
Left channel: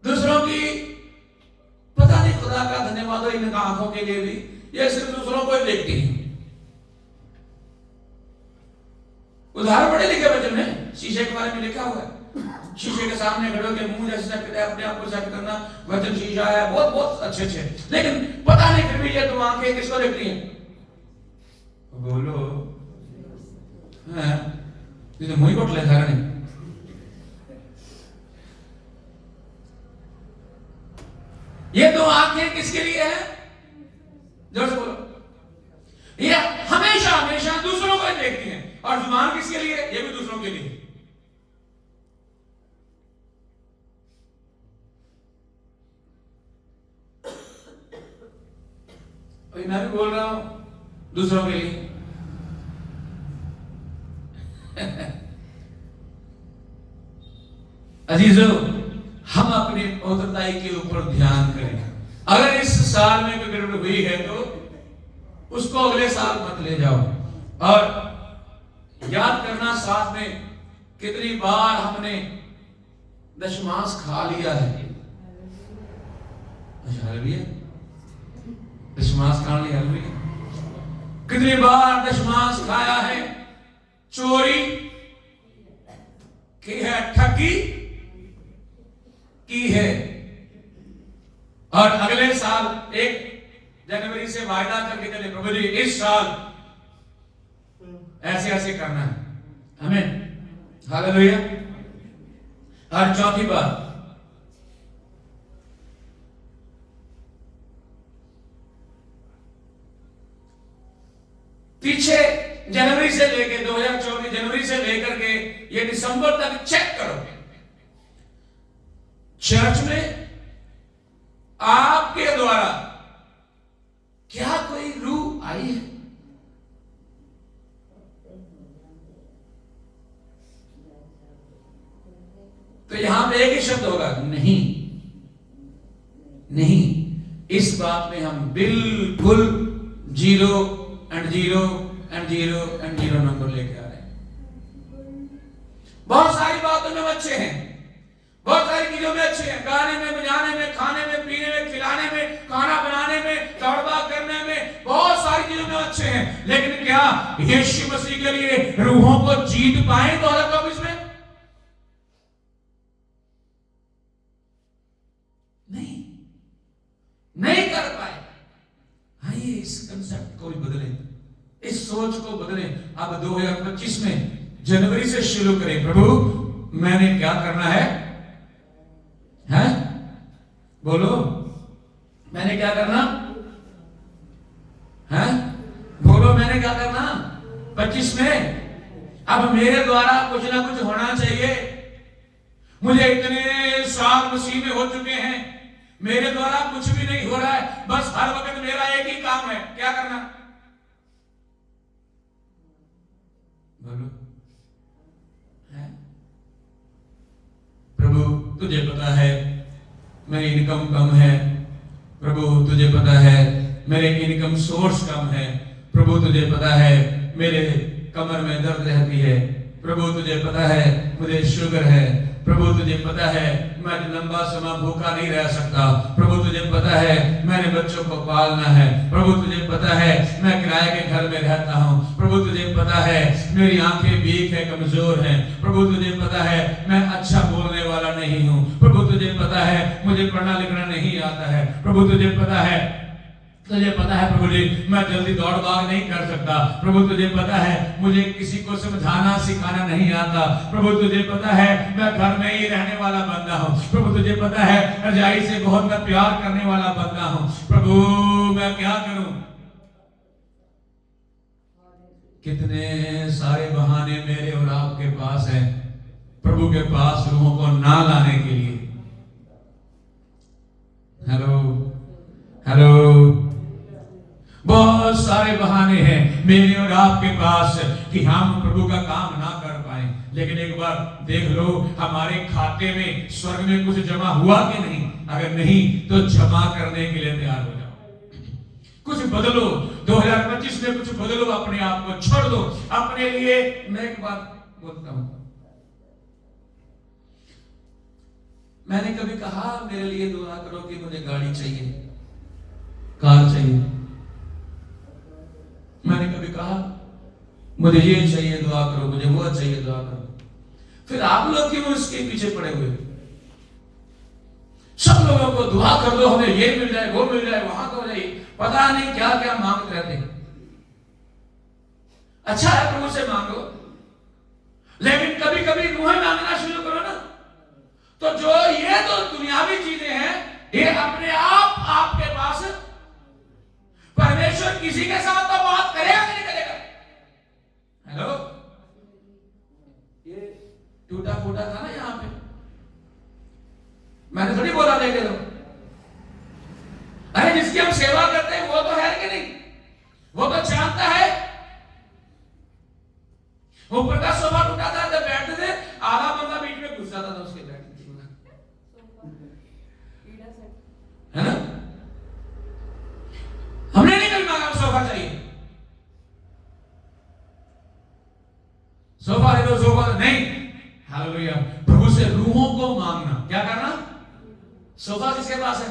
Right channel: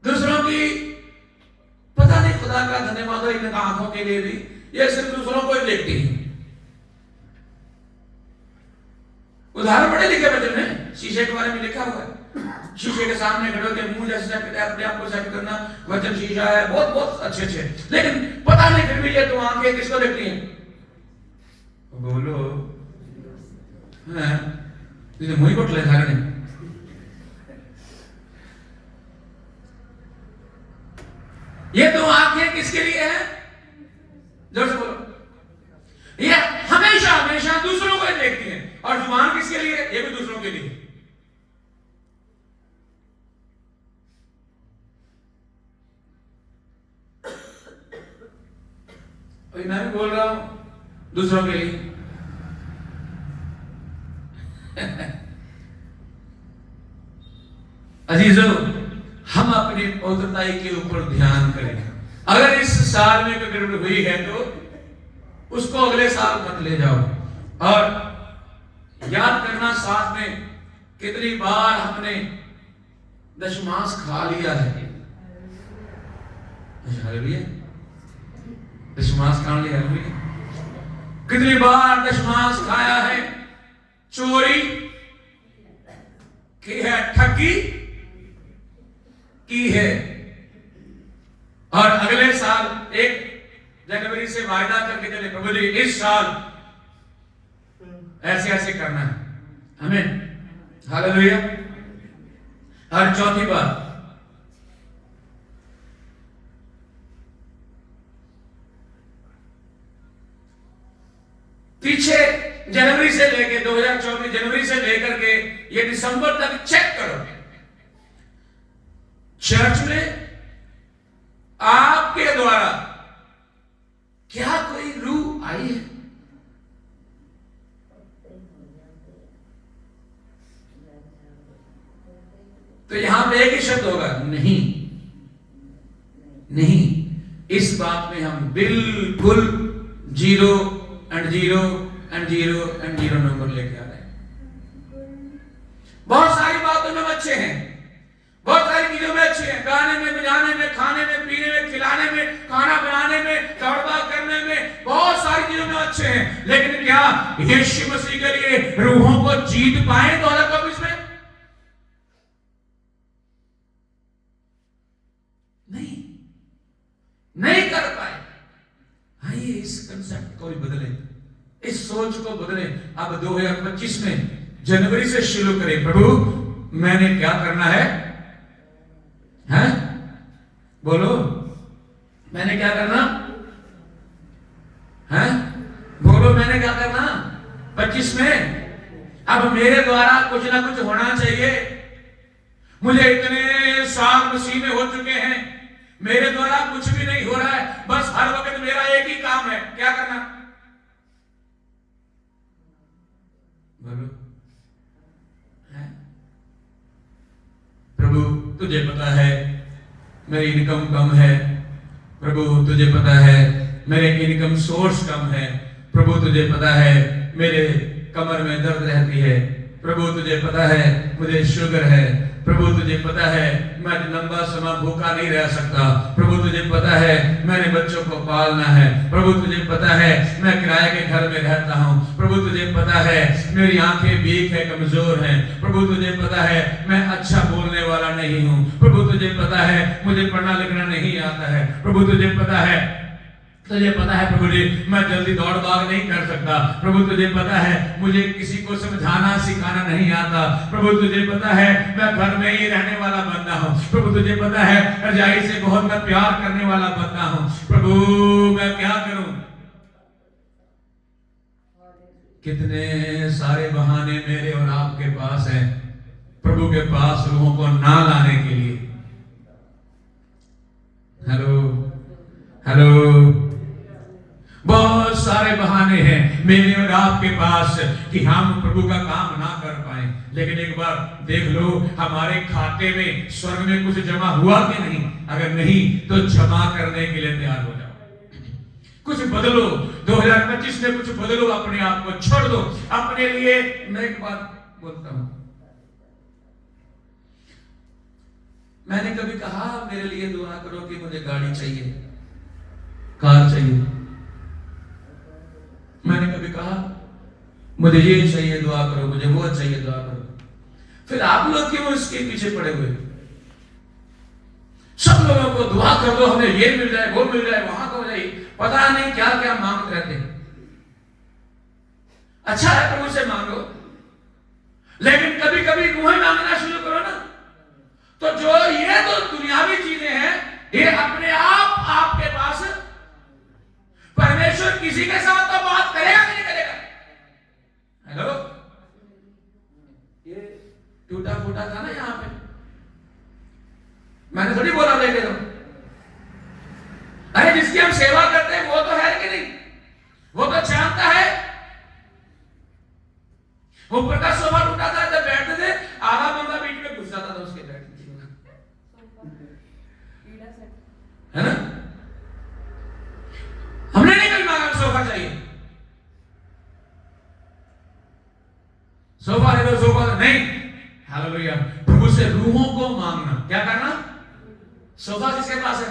दूसरों की पता नहीं, खुदा का धन्यवाद हो इन आंखों के लिए भी, ये सिर्फ दूसरों को ही देखती है। उदाहरण बड़े लिखे वचन में, शीशे के बारे में लिखा हुआ है, शीशे के सामने खड़े होकर मुंह जैसे सेट करते अपने आप को सेट करना, वचन शीशा है, बहुत बहुत अच्छे अच्छे, लेकिन पता नहीं फिर भी ये तो आंखें किसको देखती हैं? बोलो हैं, तुझे मुंह को ले सारे ने। ये तो आंखें किसके लिए है? जोर से बोलो। ये हमेशा हमेशा दूसरों को देखती हैं, और जुबान किसके लिए? ये भी दूसरों के लिए। अभी मैं भी बोल रहा हूं दूसरों के लिए। अजीजों, हम अपनी पवित्रताई के ऊपर ध्यान करें। अगर इस साल में कोई गड़बड़ हुई है तो उसको अगले साल मत ले जाओ। और याद करना साथ में, कितनी बार हमने दशमांश खा लिया है। हालेलुया, दशमांश खा लिया। हालेलुया, कितनी बार दशमांश खाया है, चोरी की है, ठगी की है। और अगले साल 1 जनवरी से वायदा करके चले, प्रभु जी इस साल ऐसे ऐसे करना है। आमीन, हालेलुया। और चौथी बात, पीछे जनवरी से लेके 2024 जनवरी से लेकर के ये दिसंबर तक चेक करो, चर्च में आपके द्वारा क्या कोई रूह आई है? तो यहां पे एक ही शब्द होगा, नहीं। नहीं, इस बात में हम बिल्कुल 0 and 0 and 0 and 0 नंबर लेके आ रहे हैं। बहुत सारी बातों में अच्छे हैं, बहुत सारी चीजों में अच्छे हैं, गाने में, बजाने में, खाने में, पीने में, खिलाने में, खाना बनाने में, दौड़भाग करने में, बहुत सारी चीजों में अच्छे हैं। लेकिन क्या यीशु मसीह के लिए रूहों को जीत पाए 2024 में? नहीं कर पाए। आइए इस कंसेप्ट को भी बदले, इस सोच को बदले। अब 2025 में जनवरी से शुरू करें, प्रभु मैंने क्या करना है? हैं? बोलो, मैंने क्या करना है? बोलो, मैंने क्या करना 25 में? अब मेरे द्वारा कुछ ना कुछ होना चाहिए। मुझे इतने साल मसीह में हो चुके हैं, मेरे द्वारा कुछ भी नहीं हो रहा है, बस हर वक्त मेरा एक ही काम है, क्या करना? बोलो, है? प्रभु तुझे पता है मेरी इनकम कम है, प्रभु तुझे पता है मेरे इनकम सोर्स कम है, प्रभु तुझे पता है मेरे कमर में दर्द रहती है, प्रभु तुझे पता है मुझे शुगर है, प्रभु तुझे पता है मैं लंबा समय भूखा नहीं रह सकता, प्रभु तुझे पता है मैंने बच्चों को पालना है, प्रभु तुझे पता है मैं किराए के घर में रहता हूँ, प्रभु तुझे पता है मेरी आंखें वीक है, कमजोर हैं, प्रभु तुझे पता है मैं अच्छा बोलने वाला नहीं हूँ, प्रभु तुझे पता है मुझे पढ़ना लिखना नहीं आता है, प्रभु तुझे पता है प्रभु जी मैं जल्दी दौड़ भाग नहीं कर सकता, प्रभु तुझे पता है मुझे किसी को समझाना सिखाना नहीं आता, प्रभु तुझे पता है मैं घर में ही रहने वाला बंदा हूँ, प्रभु तुझे पता है रजाई से बहुत मैं प्यार करने वाला बंदा हूँ, प्रभु मैं क्या करूं? कितने सारे बहाने मेरे और आपके पास हैं प्रभु के पास रूहों को ना लाने के लिए। हेलो हेलो, बहुत सारे बहाने हैं मेरे और आपके पास कि हम प्रभु का काम ना कर पाए। लेकिन एक बार देख लो हमारे खाते में स्वर्ग में कुछ जमा हुआ कि नहीं? अगर नहीं तो जमा करने के लिए तैयार हो जाओ, कुछ बदलो। 2025 में कुछ बदलो, अपने आप को छोड़ दो अपने लिए। मैं एक बात बोलता हूं, मैंने कभी कहा मेरे लिए दुआ करो कि मुझे गाड़ी चाहिए, कार चाहिए? मैंने कभी कहा मुझे ये चाहिए दुआ करो, मुझे वो चाहिए दुआ करो? फिर आप लोग क्यों इसके पीछे पड़े हुए? सब लोगों को दुआ कर दो, हमें ये मिल जाए, वो मिल जाए, वहां को जाए, पता नहीं क्या क्या मांगते रहते हैं। अच्छा है प्रभु से मांगो, लेकिन कभी कभी रूहें मांगना शुरू करो ना, तो जो ये तो दुनियावी चीजें हैं, ये अपने आप आपके पास। परमेश्वर किसी के साथ तो बात करेगा कि नहीं करेगा? हेलो, ये टूटा फूटा था ना यहां पे, मैंने थोड़ी बोला देखे तो। अरे जिसकी हम सेवा करते हैं वो तो है कि नहीं, वो तो जानता है। ऊपर का सोफा टूटा था, जब बैठते थे आधा बंदा बीच में घुस जाता था उसके बैठने, है ना? हमने नहीं कभी मांगा सोफा चाहिए, सोफा है तो सोफा नहीं। हालेलुया। प्रभु से रूहों को मांगना, क्या करना? सोफा किसके पास है?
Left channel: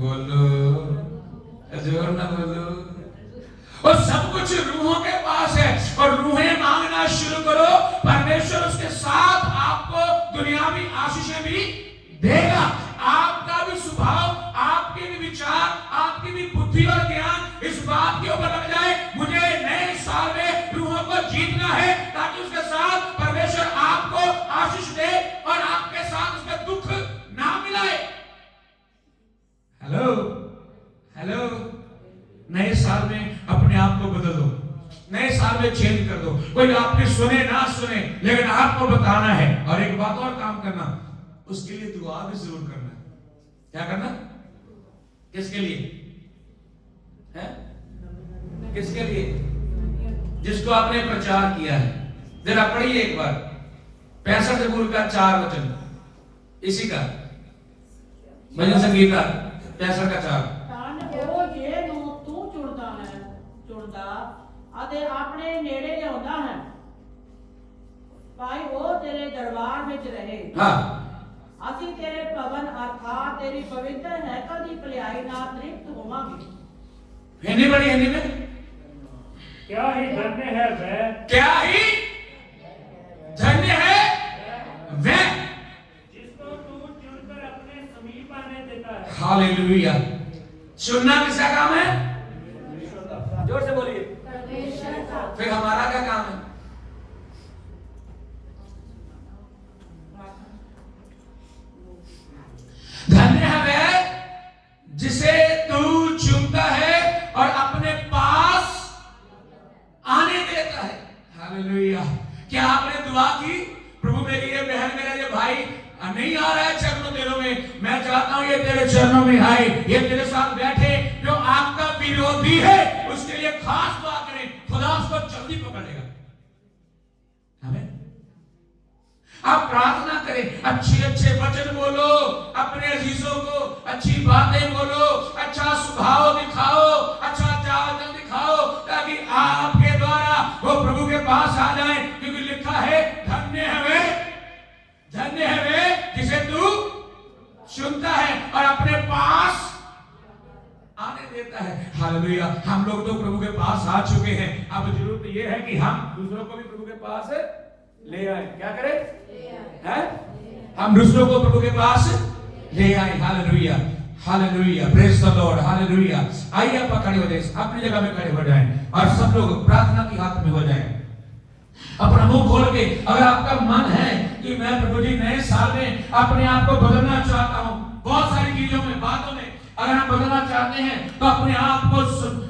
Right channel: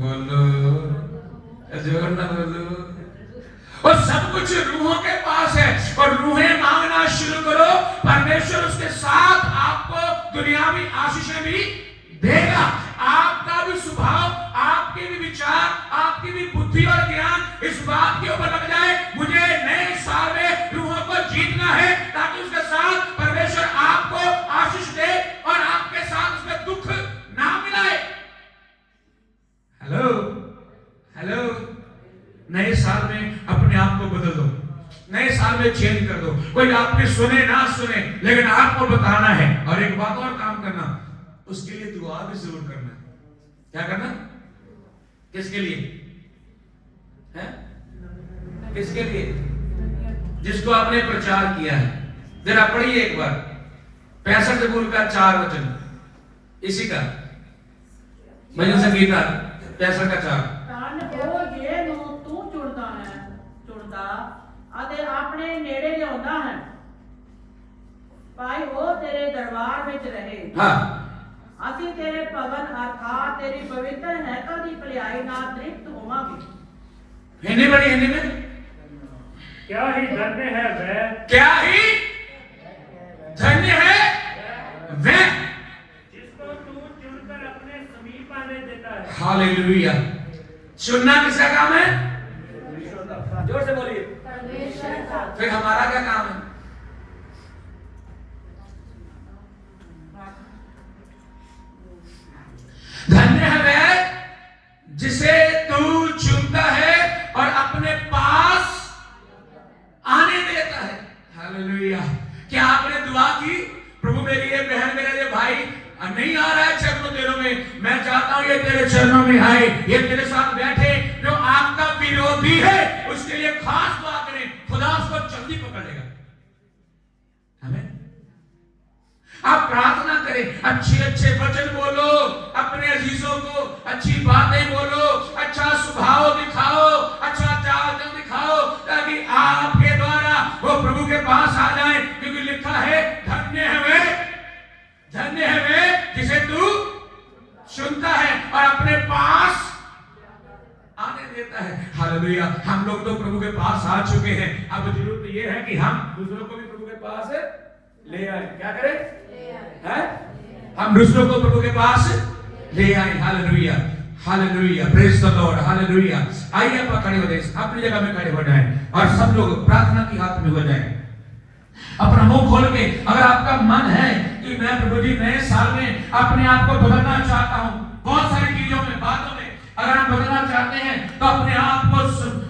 बोलो, जोर ना बोलो। और सब कुछ रूहों के पास है, और रूहें मांगना शुरू करो, परमेश्वर उसके साथ आपको दुनियावी आशीषें भी देगा। आपका भी स्वभाव, आपके भी विचार, आपकी भी बुद्धि और ज्ञान इस बात के ऊपर लग जाए, मुझे नए साल में रूहों को जीतना है, ताकि उसके साथ परमेश्वर आपको आशीष दे और आपके साथ उसमें दुख ना मिलाए। हेलो हेलो, नए साल में अपने आप को बदल दो, नए साल में चेंज कर दो। कोई आपने सुने ना सुने, लेकिन आपको बताना है। और एक बात और काम करना, उसके लिए दुआ भी जरूर करना। क्या करना? किसके लिए है? किसके लिए? जिसको आपने प्रचार किया है। जरा पढ़िए एक बार 65 मूल का 4 वचन, इसी का भजन संगीता 65 का 4। ਅਤੇ ਆਪਣੇ ਨੇੜੇ ਲਿਆਉਂਦਾ ਹੈ, ਭਾਈ ਉਹ ਤੇਰੇ ਦਰਬਾਰ ਵਿੱਚ ਰਹੇ। ਹਾਂ, ਅਸੀਂ ਤੇਰੇ ਭਵਨ ਅਰਥਾਤ ਤੇਰੀ ਪਵਿੱਤਰ ਹੈਕਲ ਦੀ ਭਲਾਈ ਨਾਲ ਤ੍ਰਿਪਤ ਹੋਵਾਂਗੇ। हिंदी बड़ी, हिंदी में क्या ही धन्य है वह, क्या ही धन्य है वह जिसको तू चुनकर अपने समीप आने देता है। हालेलुया। चुनना किसका काम है? जोर से बोलिए। फिर हमारा क्या काम है? धन्य है वह जिसे तू चुनता है और अपने पास आने देता है। हालेलुया। क्या आपने दुआ की, प्रभु मेरी ये बहन, मेरा ये भाई नहीं आ रहा है चरणों तेरों में, मैं चाहता हूं ये तेरे चरणों में आए, ये तेरे साथ बैठे। जो आपका विरोधी है उसके लिए खास दुआ करें, खुदा उसको जल्दी पकड़ लेगा। हमें आप प्रार्थना करें, अच्छे अच्छे वचन बोलो, अपने अजीजों को अच्छी बातें बोलो, अच्छा स्वभाव दिखाओ, अच्छा चाल चलन दिखाओ, ताकि आपके द्वारा वो प्रभु के पास आ जाए। क्योंकि लिखा है, धन्य है वे जिसे तू सुनता है और अपने पास आने देता है। हालेलुया। हम लोग तो प्रभु के पास आ चुके हैं, अब जरूरत ये है कि हम दूसरों को भी प्रभु के पास ले आए। क्या करें? हैं? हम दूसरों को प्रभु के पास ले आए। Hallelujah, hallelujah, praise the Lord, hallelujah. आइए आप खड़े हो जाए, अपनी जगह में खड़े हो जाएं और सब लोग प्रार्थना की हाथ में हो जाएं। अपना मुंह खोल के, अगर आपका मन है कि मैं प्रभु जी नए साल में अपने आप को बदलना चाहता हूं, बहुत सारी चीजों में, बातों में अगर आप बदलना चाहते हैं, तो अपने आप को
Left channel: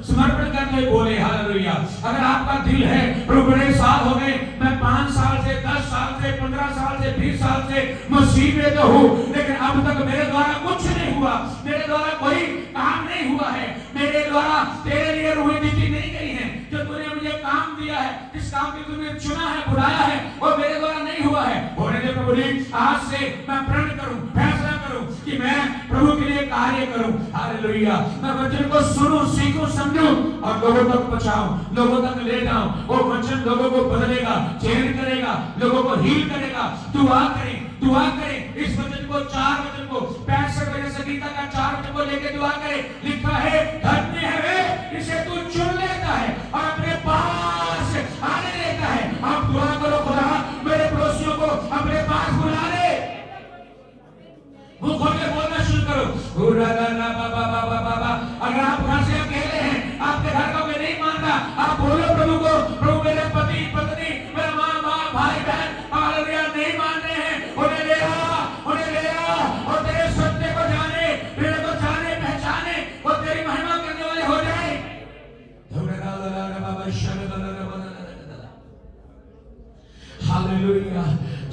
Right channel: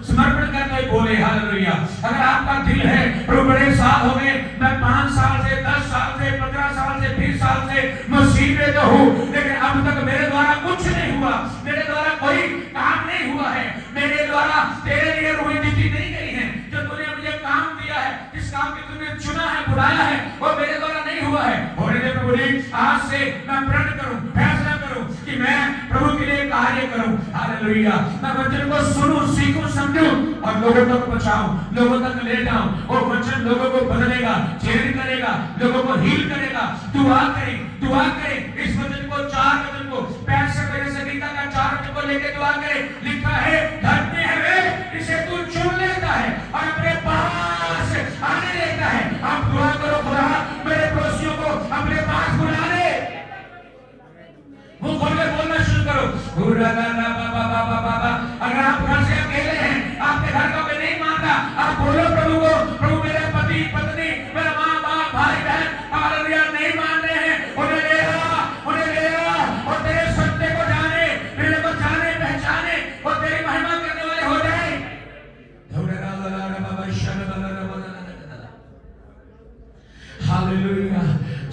समर्पण करते हुए बोले हालेलुया। अगर आपका दिल है, प्रभु बड़े साल हो गए, मैं 5 साल से, 10 साल से, 15 साल से, 20 साल से मसीह में तो हूं, लेकिन अब तक मेरे द्वारा कुछ नहीं हुआ, मेरे द्वारा कोई काम नहीं हुआ है, मेरे द्वारा तेरे लिए रूहें दी नहीं गई है, जो तूने मुझे काम दिया है, जिस काम के तूने चुना है, बुलाया है, वो मेरे द्वारा नहीं हुआ है। होने दे प्रभु जी, आज से मैं प्रण करूं, फैसला करूं कि मैं प्रभु के लिए कार्य करूं। हालेलुया। मैं वचन को सुनूं, सीखूं, समझूं और लोगों तक पहुंचाऊं, लोगों तक ले जाऊं। वो वचन लोगों को बदलेगा, चेंज करेगा, लोगों को हील करेगा। दुआ करें इस वचन को, 4 वचन को, 65 संगीता का 4 वचन को लेके दुआ करें। लिखा है, धन्य है वे जिसे तू चुन लेता है और अपने पास आने देता है। आप दुआ करो, खुदा मेरे पड़ोसियों को हालेलुया।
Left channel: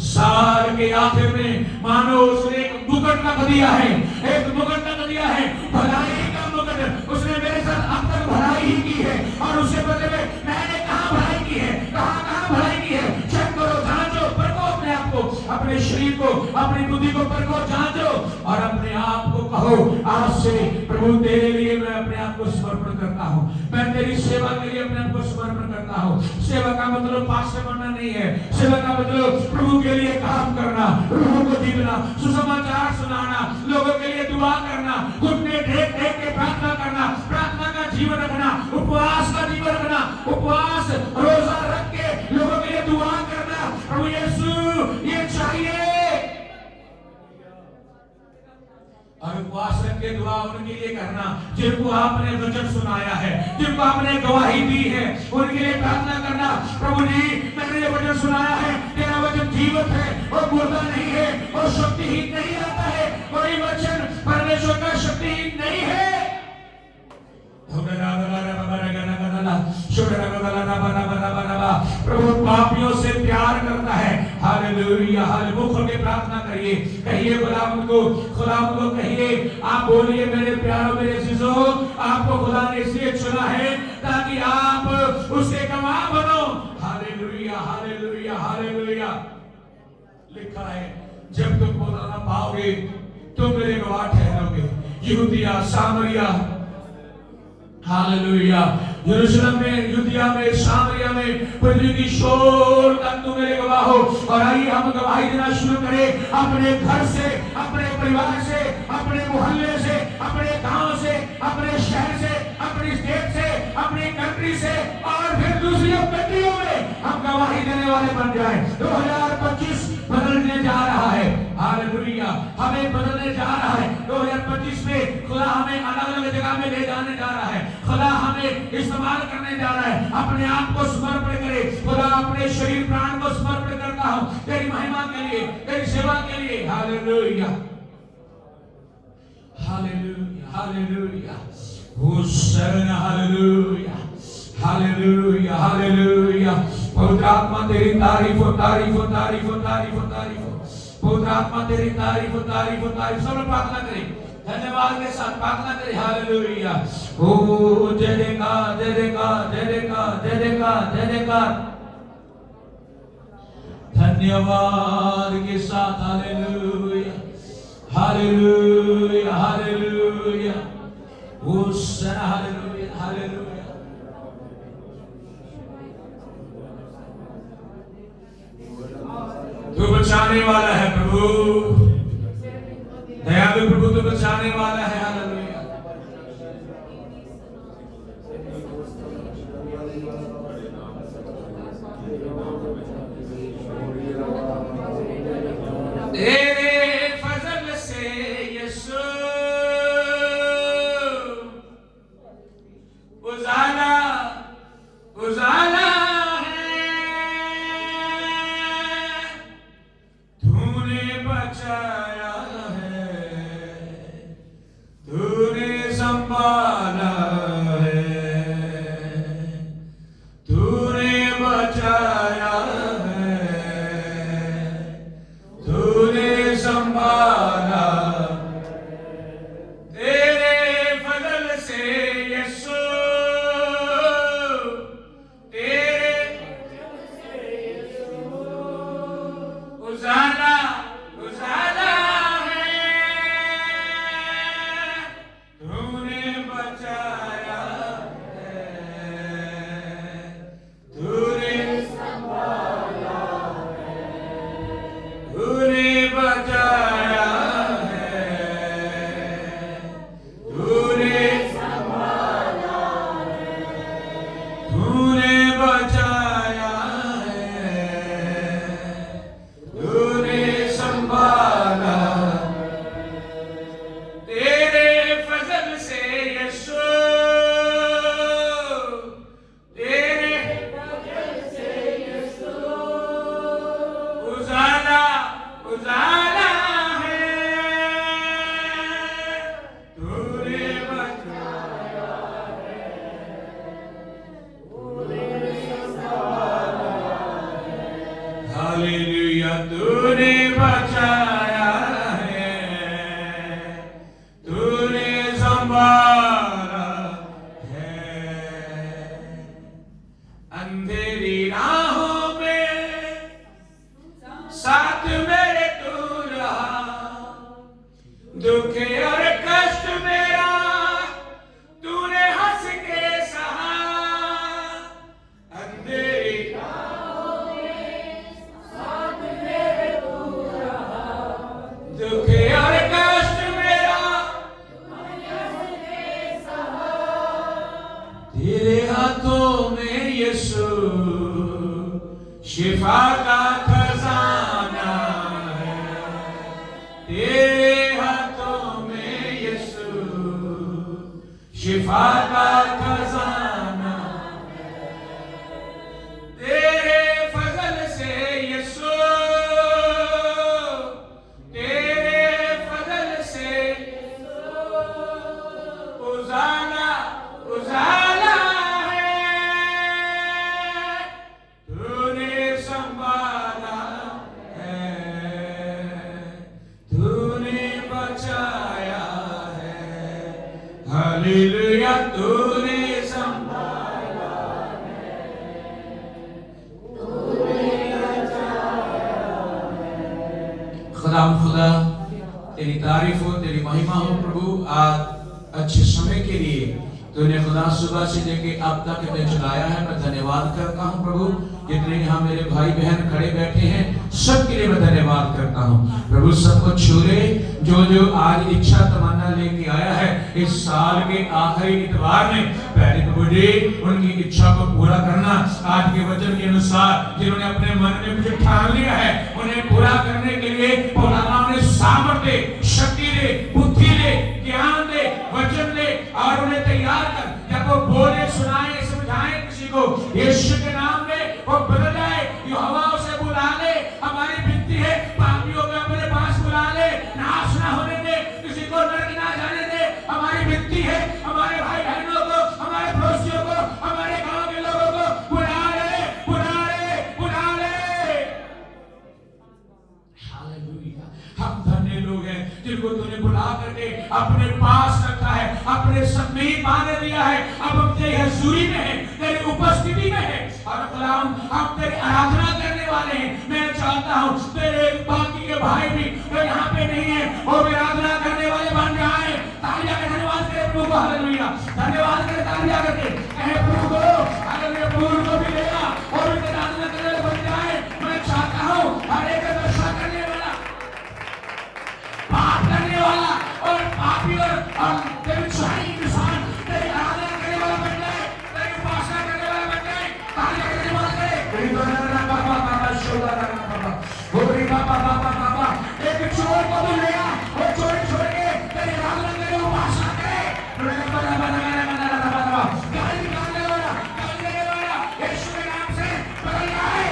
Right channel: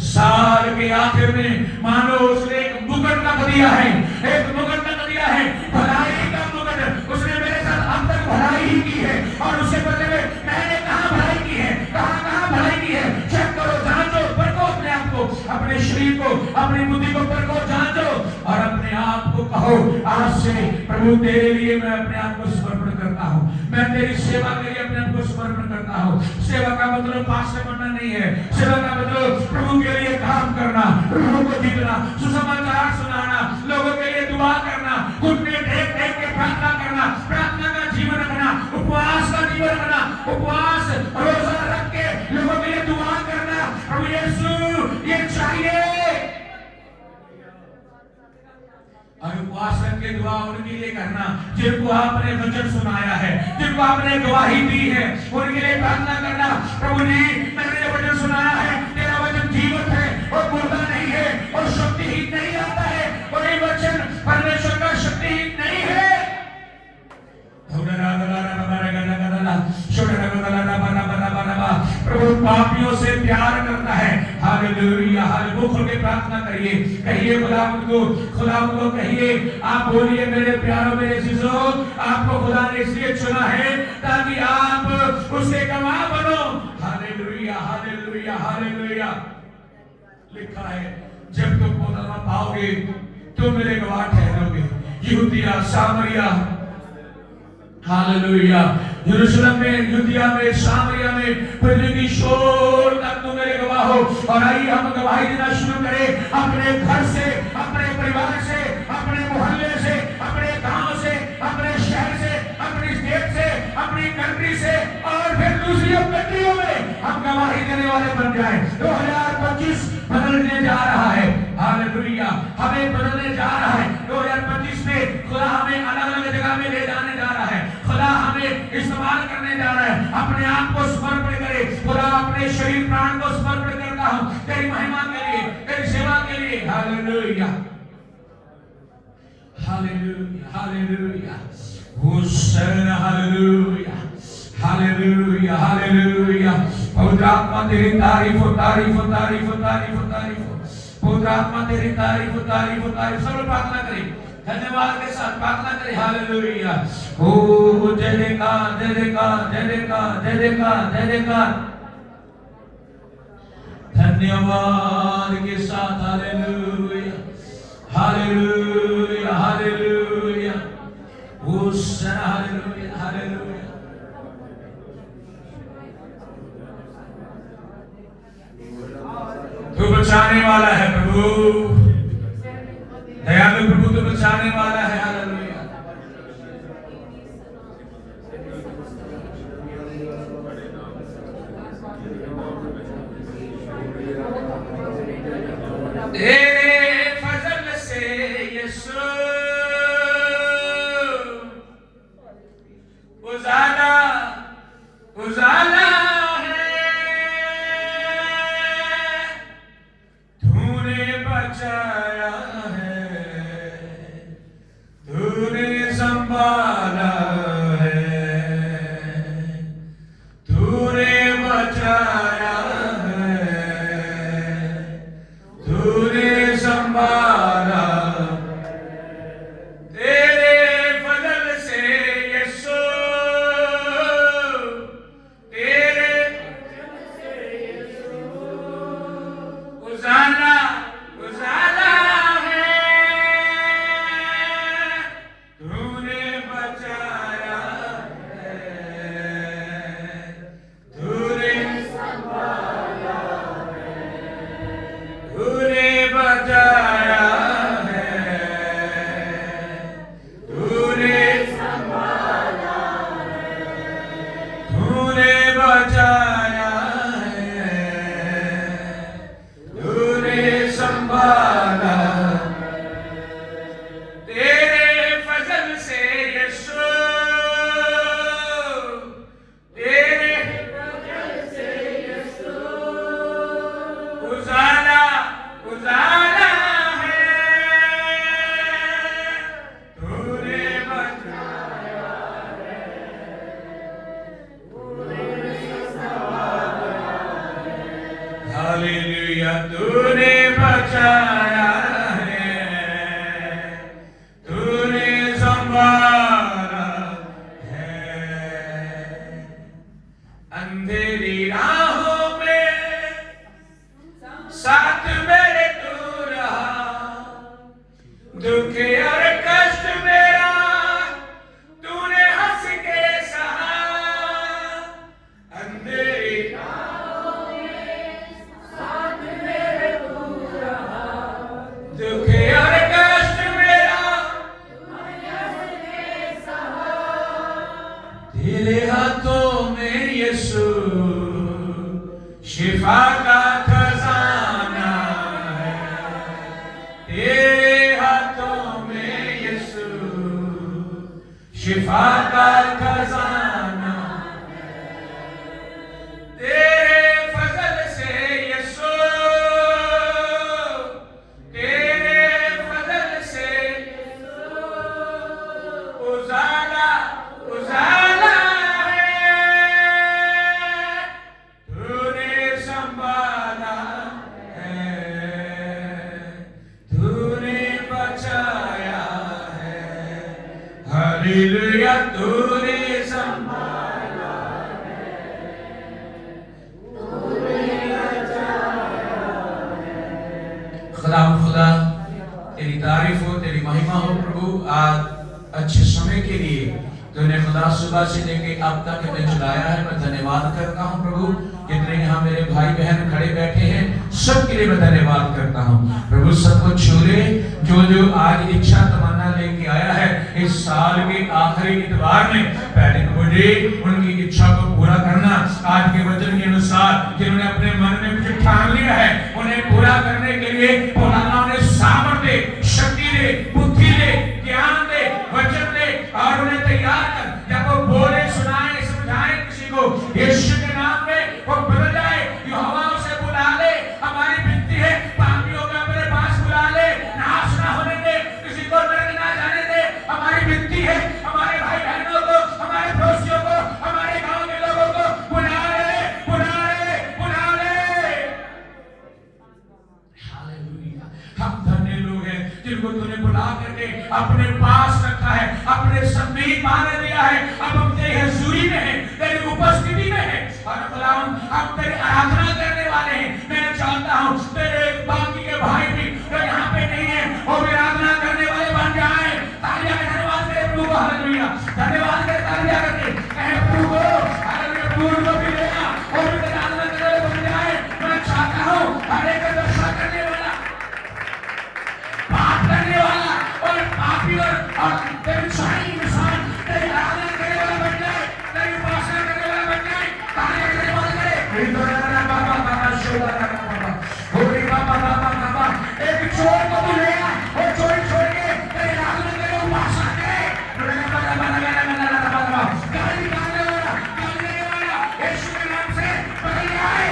साल के आखिर में मानो उसने एक मुकुट रख दिया है, एक मुकुट रख दिया है, भलाई का मुकुट। उसने मेरे साथ अब तक भलाई ही की है, और उसे पता है मैंने कहाँ भलाई की है, कहाँ भलाई की है। चेक करो, जांचो, परखो अपने आप को, अपने शरीर को, अपनी बुद्धि को परखो, जांचो, और अपने आप को कहो आज से प्रभु तेरे लिए मैं अपने आप को समर्पण करता हूँ, मैं तेरी सेवा के लिए अपने आप को समर्पण करता हूँ। सेवा का मतलब पास्टर बनना नहीं है, सेवा का मतलब प्रभु के लिए काम करना, लोगों को जीतना, सुसमाचार सुनाना, लोगों के लिए दुआ करना, घुटने टेक टेक के प्रार्थना करना, प्रार्थना का जीवन रखना, उपवास का जीवन रखना, उपवास रोजा रख के लोगों के लिए दुआ करना। प्रभु यीशु ये चाहिए। और उपवास करके दुआ उनके लिए करना जिनको आपने वचन सुनाया है, जिनको आपने गवाही दी है, उनके लिए प्रार्थना करना। प्रभु जी मैंने जो वचन सुनाया है, तेरा वचन जीवित है और मुर्दा नहीं है और शक्तिहीन नहीं आता है। कोई वचन परमेश्वर का शक्तिहीन नहीं है। प्रभु पापियों से प्यार करता है। हालेलुया। हर मुख के प्रार्थना करिए, कहिए खुदावंद को कहिए, आप बोलिए मेरे प्यारों मेरे अजीजों, आपको खुदा ने इसलिए चुना है ताकि आप उसके गवाह बनो। Hallelujah hallelujah hallelujah. लिखा है जब तुम खुदा पाओगे तुम मेरे गवाह ठहरोगे। यहूदिया सामरिया, हालेलुया, यरूशलेम में, यूदिया में, सामरिया में, पृथ्वी की शोर तक तुम मेरे गवाह हो। और आइए हम गवाही देना शुरू करें अपने घर से, अपने परिवार से, अपने मोहल्ले से, अपने गांव से, अपने शहर से, अपनी स्टेट से, अपनी कंट्री से, और फिर दूसरी कंट्रियों में हम गवाही देने वाले बन जाएं। 2025 बदलने जा रहा है। हालेलुया, हमें बदलने जा रहा है। 2025 में खुदा हमें अलग अलग जगह में ले जाने जा रहा है। खुदा हमें इस्तेमाल करने जा रहा है। अपने आप को समर्पण करें। खुदा अपने शरीर प्राण को समर्पण करता हूं तेरी महिमा के लिए, तेरी सेवा के लिए। Hallelujah hallelujah hallelujah, hosanna, hallelujah hallelujah hallelujah. पवित्र आत्मा तेरी तारीफ हो, तारीफ हो, तारीफ हो, तारीफ हो, तारीफ हो। पवित्र आत्मा तेरी तारीफ हो, तारीफ हो, तारीफ। सब लोग प्रार्थना करें, धन्यवाद के साथ प्रार्थना करें। हालेलुया। ओ जय जयकार, जय जयकार, जय जयकार, जय जयकार, जय जयकार। धन्यवाद के साथ हालेलुया हालेलुया हालेलुया। ओ सना, हालेलुया हालेलुया। तू बचाने वाला है प्रभु, दयालु प्रभु, तू बचाने वाला है। हालेलुया। तेरे फजल से यीशु उजाला उजाला है, तूने बचाया है, तूने संभाला है, तूने बचाया है, तूने संभाला। तेरे फजल से यीशु, तेरे उजाला उजाला हालेलुया तूने बचाया है, तूने संभाला है। अंधेरी राहों में साथ मेरे तू रहा, दुख और कष्ट मेरा तूने हंस के सहा। अंधेरी राहों में साथ मेरे तू रहा, दुख और कष्ट मेरा तूने हंस के सहा। तेरे हाथों में यीशु शिफा का खजाना है, तेरे हाथों में यीशु शिफा का खजाना है। तेरे फजल से यीशु, तेरे फजल से उजाला उजाला है, तूने संभाला है, तूने बचाया है। हालेलुया तूने संभाला है, तूने बचाया है। खुदा तेरी तारीफ हो, तेरी महिमा हो प्रभु। आज अच्छे समय के लिए तूने खुदा सुबह से लेके अब तक हमें चलाया है। मैं धन्यवाद करता हूँ प्रभु। जितने यहाँ मेरे भाई बहन खड़े बैठे हैं सबके लिए मैं धन्यवाद करता हूँ प्रभु। सबको छूले जो जो आज इच्छा तमन्ना लेके आया है इस साल के आखिरी इतवार में, पहले प्रभु जी उनकी इच्छा को पूरा करना। आज के वचन के अनुसार जिन्होंने अपने मन में कुछ ठान लिया है उन्हें पूरा करने के लिए भोलानाथ ने सामर्थ्य दे, शक्ति दे, बुद्धि दे, ज्ञान दे, वचन दे और उन्हें तैयार कर। जब वो बोले, सुनाए, समझाए किसी को यीशु के नाम में वो बदल जाए। यहोवा उसे बुला ले। हमारी विनती है पापियों को अपने पास बुला ले, नाश ना होने दे, किसी को नरक ना जाने दे। हमारी विनती है हमारे भाई बहनों को, हमारे पड़ोसियों को, हमारे गांव के लोगों को बुला ले, बुला ले, बुला ले। हालेलुया। हम धन्य लोग हैं जिनको तूने बुला करके अपने पास रखा है, अपने समीप आने दिया है। अब हम तेरी हजूरी में हैं, तेरी उपस्थिति में हैं और खुदाम हम तेरी आराधना करने वाले हैं। मैं चाहता हूँ तेरे बाकी के भाई भी जो यहाँ पे नहीं है वो भी आराधना करने वाले बन जाए। तालियां में धन्यवाद दे प्रभु को। हालेलुया। धन्यवाद दे, तालियां करके कहे प्रभु को हालेलुया। प्रभु को भी देना और भी तेरी आराधना करने वाले बन जाए। मैं चाहता हूँ हर एक का रक्षा करने वाला, पाप करने वाला और पापी और तेरी छाई इंसान तेरी आराधना करने वाला बन जाए, तेरी उपासना करने वाला बन जाए। तालियां करने वाले नहीं तो ना बाबा बाबा शोभा करना बाबा होरी बाबा बाबा बाबा। एक चोर को तो ले आ, वो चोरी छोड़ के तेरी आराधना करे, उपासना करे। बाबा बाबा बाबा बाबा गाली निकालने वाला, गाली देने वाला यीशु के नाम से बदल जाए।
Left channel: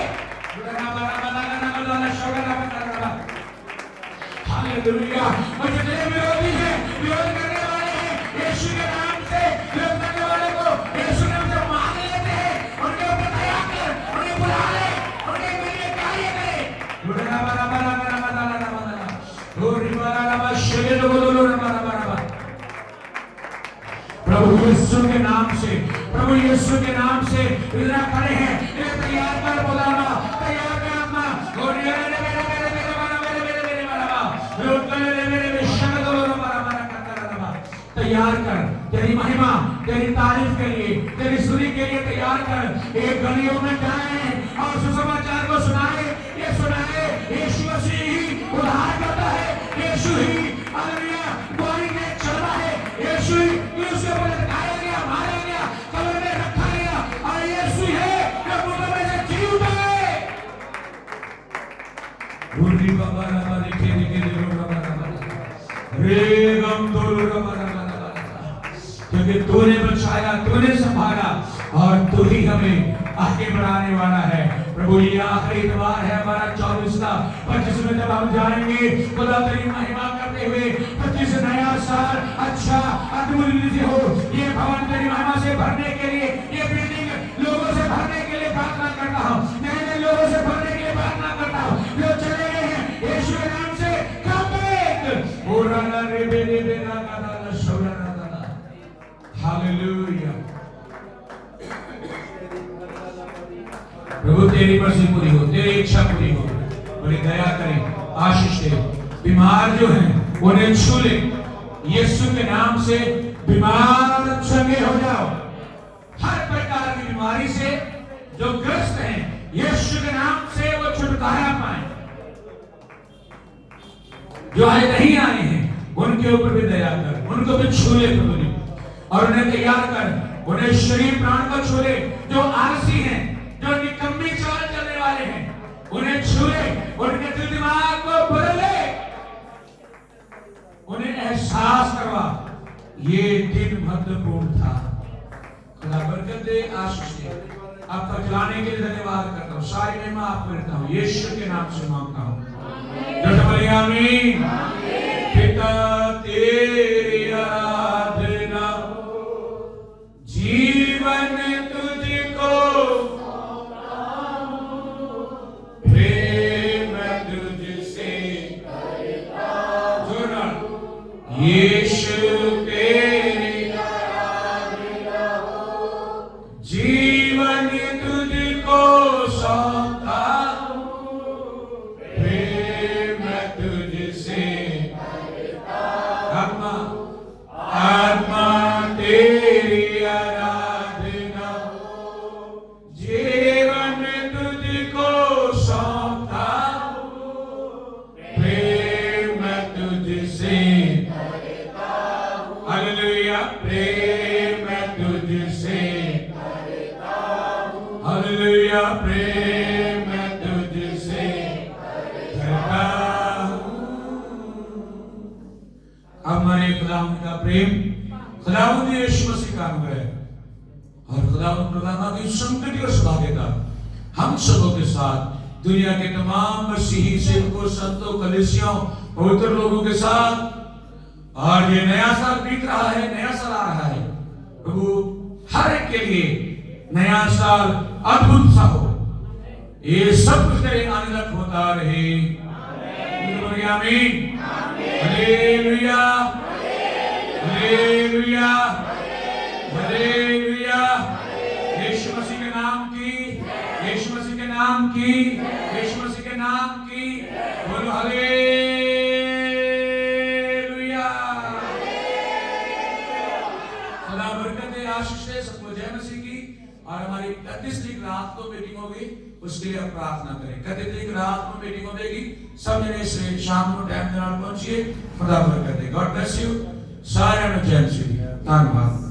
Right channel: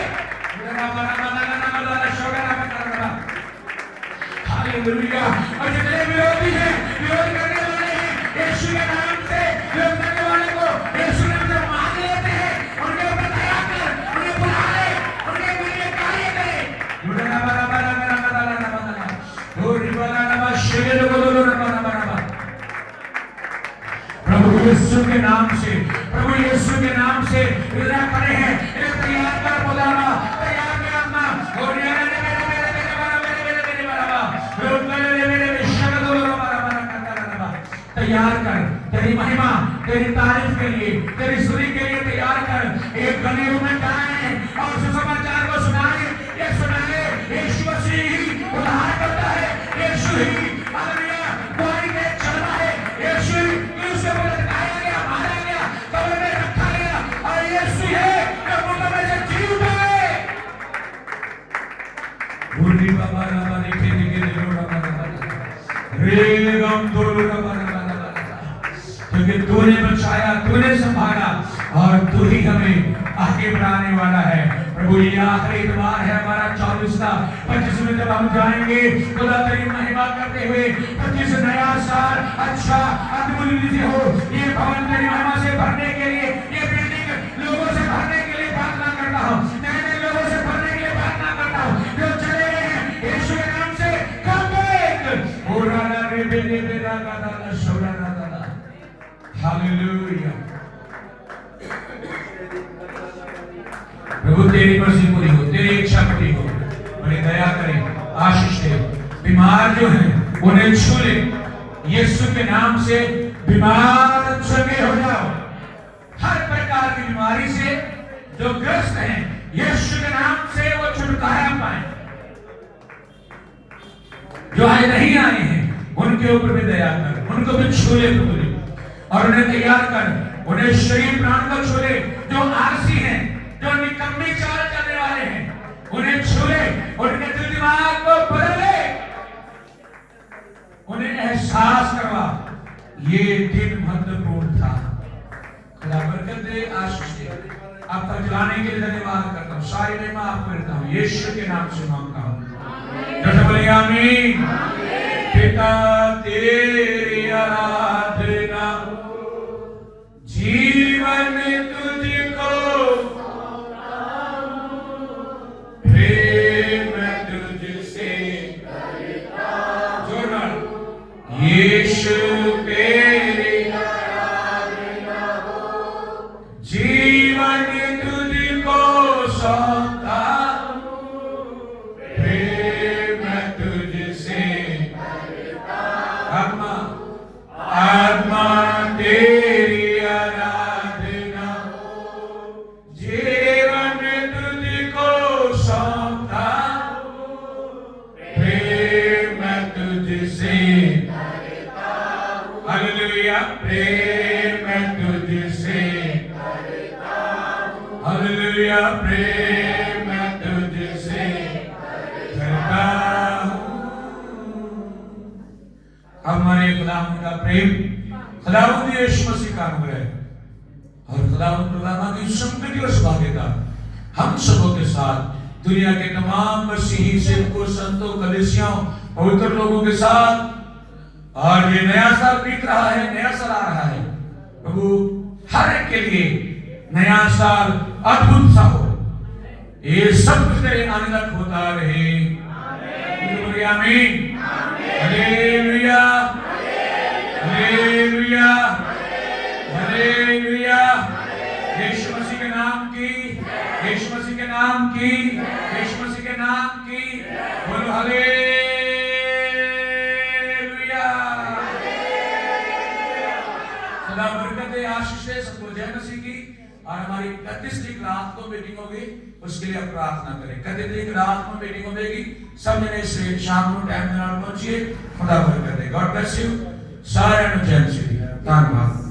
बाबा बाबा बाबा शोभा करना। हालेलुया। और जितने विरोधी हैं, विरोध करने वाले हैं यीशु के नाम से विरोध करने वाले को यीशु ने जो मान लेते हैं उनके ऊपर दया कर, उन्हें बुला ले, उनके लिए कार्य करे। लुना बना बना बना बना बना बना होरी बना बना शेर को लुना बना बना बना। प्रभु यीशु के नाम से, प्रभु यीशु के नाम से इधर खड़े हैं। एक तैयार कर बुलाना, तैयार कर अपना होरी तैयार कर। तेरी महिमा, तेरी तारीफ के लिए, तेरी स्तुति के लिए तैयार कर। एक गलियों में जाए और सुसमाचार को सुनाए। ये सुनाए यीशु मसीह ही उद्धार करता है, यीशु ही हालेलुया कोई ने चलना है, यीशु ही क्रूस पर लटकाया गया, मारा गया, कब्र में रखा गया और यीशु है जो मुर्दों में से जी उठा है। भूली बाबा बाबा लिखे लिखे बाबा रे गम तोलू बाबा, क्योंकि तूने बचाया, तूने संभाला और तू ही हमें आगे बढ़ाने वाला है। प्रभु ये आखिरी इतवार है हमारा 24 का, 25 में जब हम जाएंगे खुदा तेरी महिमा करते हुए 25 नया साल अच्छा अद्भुत हो। ये भवन तेरी महिमा से भरने के लिए, ये बिल्डिंग लोगों से भरने के लिए प्रार्थना करता हूँ, नए नए लोगों से भरने के लिए प्रार्थना करता हूँ। दया करें, आशीष दे। बीमार जो हैं उन्हें छू ले, यीशु के नाम से बीमार चंगे हो जाओ। हर प्रकार की बीमारी से जो ग्रस्त हैं, यीशु के नाम से वो छुटकारा पाए। जो आए नहीं आए हैं उनके ऊपर भी दया कर, उनको भी छू ले प्रभु, और उन्हें तैयार कर, उन्हें शरीर प्राण का छू ले। जो आलसी हैं, जो निकम्मी चाल चलने वाले हैं, उन्हें छू ले, उनके दिल दिमाग को बदल ले, उन्हें एहसास करवा ये दिन महत्वपूर्ण था। खुदा बरकत दे, आशीष दे। आप तक चलाने के लिए धन्यवाद करता हूँ, सारी महिमा आपको देता हूँ, यीशु के नाम से मांगता हूँ। आमीन। पिता तेरी आराधना, जीवन तुझको, प्रेम तुझसे जोड़ा, यीशु तेरी आराधना, जीवन तुझको सौंपता हूं, प्रेम तुझसे, आत्मा तेरी आराधना, जीवन तुझको सौंपता हूं, प्रेम तुझसे, हालेलुया, प्रेम तुझसे, हालेलुया, प्रेम तुझसे करता हूं। हमारे खुदावंद का प्रेम, खुदावंद यीशु मसीह का अनुग्रह और खुदावंद प्रभु की संगति और सौभाग्यता हम सबों के साथ, दुनिया के तमाम मसीही सेवकों, संतों, कलीसियाओं, पवित्र लोगों के साथ, और ये नया साल बीत रहा है, नया साल आ रहा है, प्रभु हर एक के लिए नया साल अद्भुत सा हो। ये सब कुछ तेरे आने तक होता रहे। आमीन। Hallelujah, hallelujah, hallelujah. यीशु मसीह के नाम की, यीशु मसीह के नाम की, यीशु मसीह के नाम की बोलो हालेलुया। खुदा बरकत दे, आशीष दे सबको। जय मसीह की। और हमारी 31 तारीख रात को मीटिंग होगी, उसके लिए हम प्रार्थना करें। 31 तारीख रात को मीटिंग होगी, सब जने इसलिए शाम को टाइम के नाम पहुंचिए। खुदा बरकत दे। God bless you. सारे जय मसीह। धन्यवाद।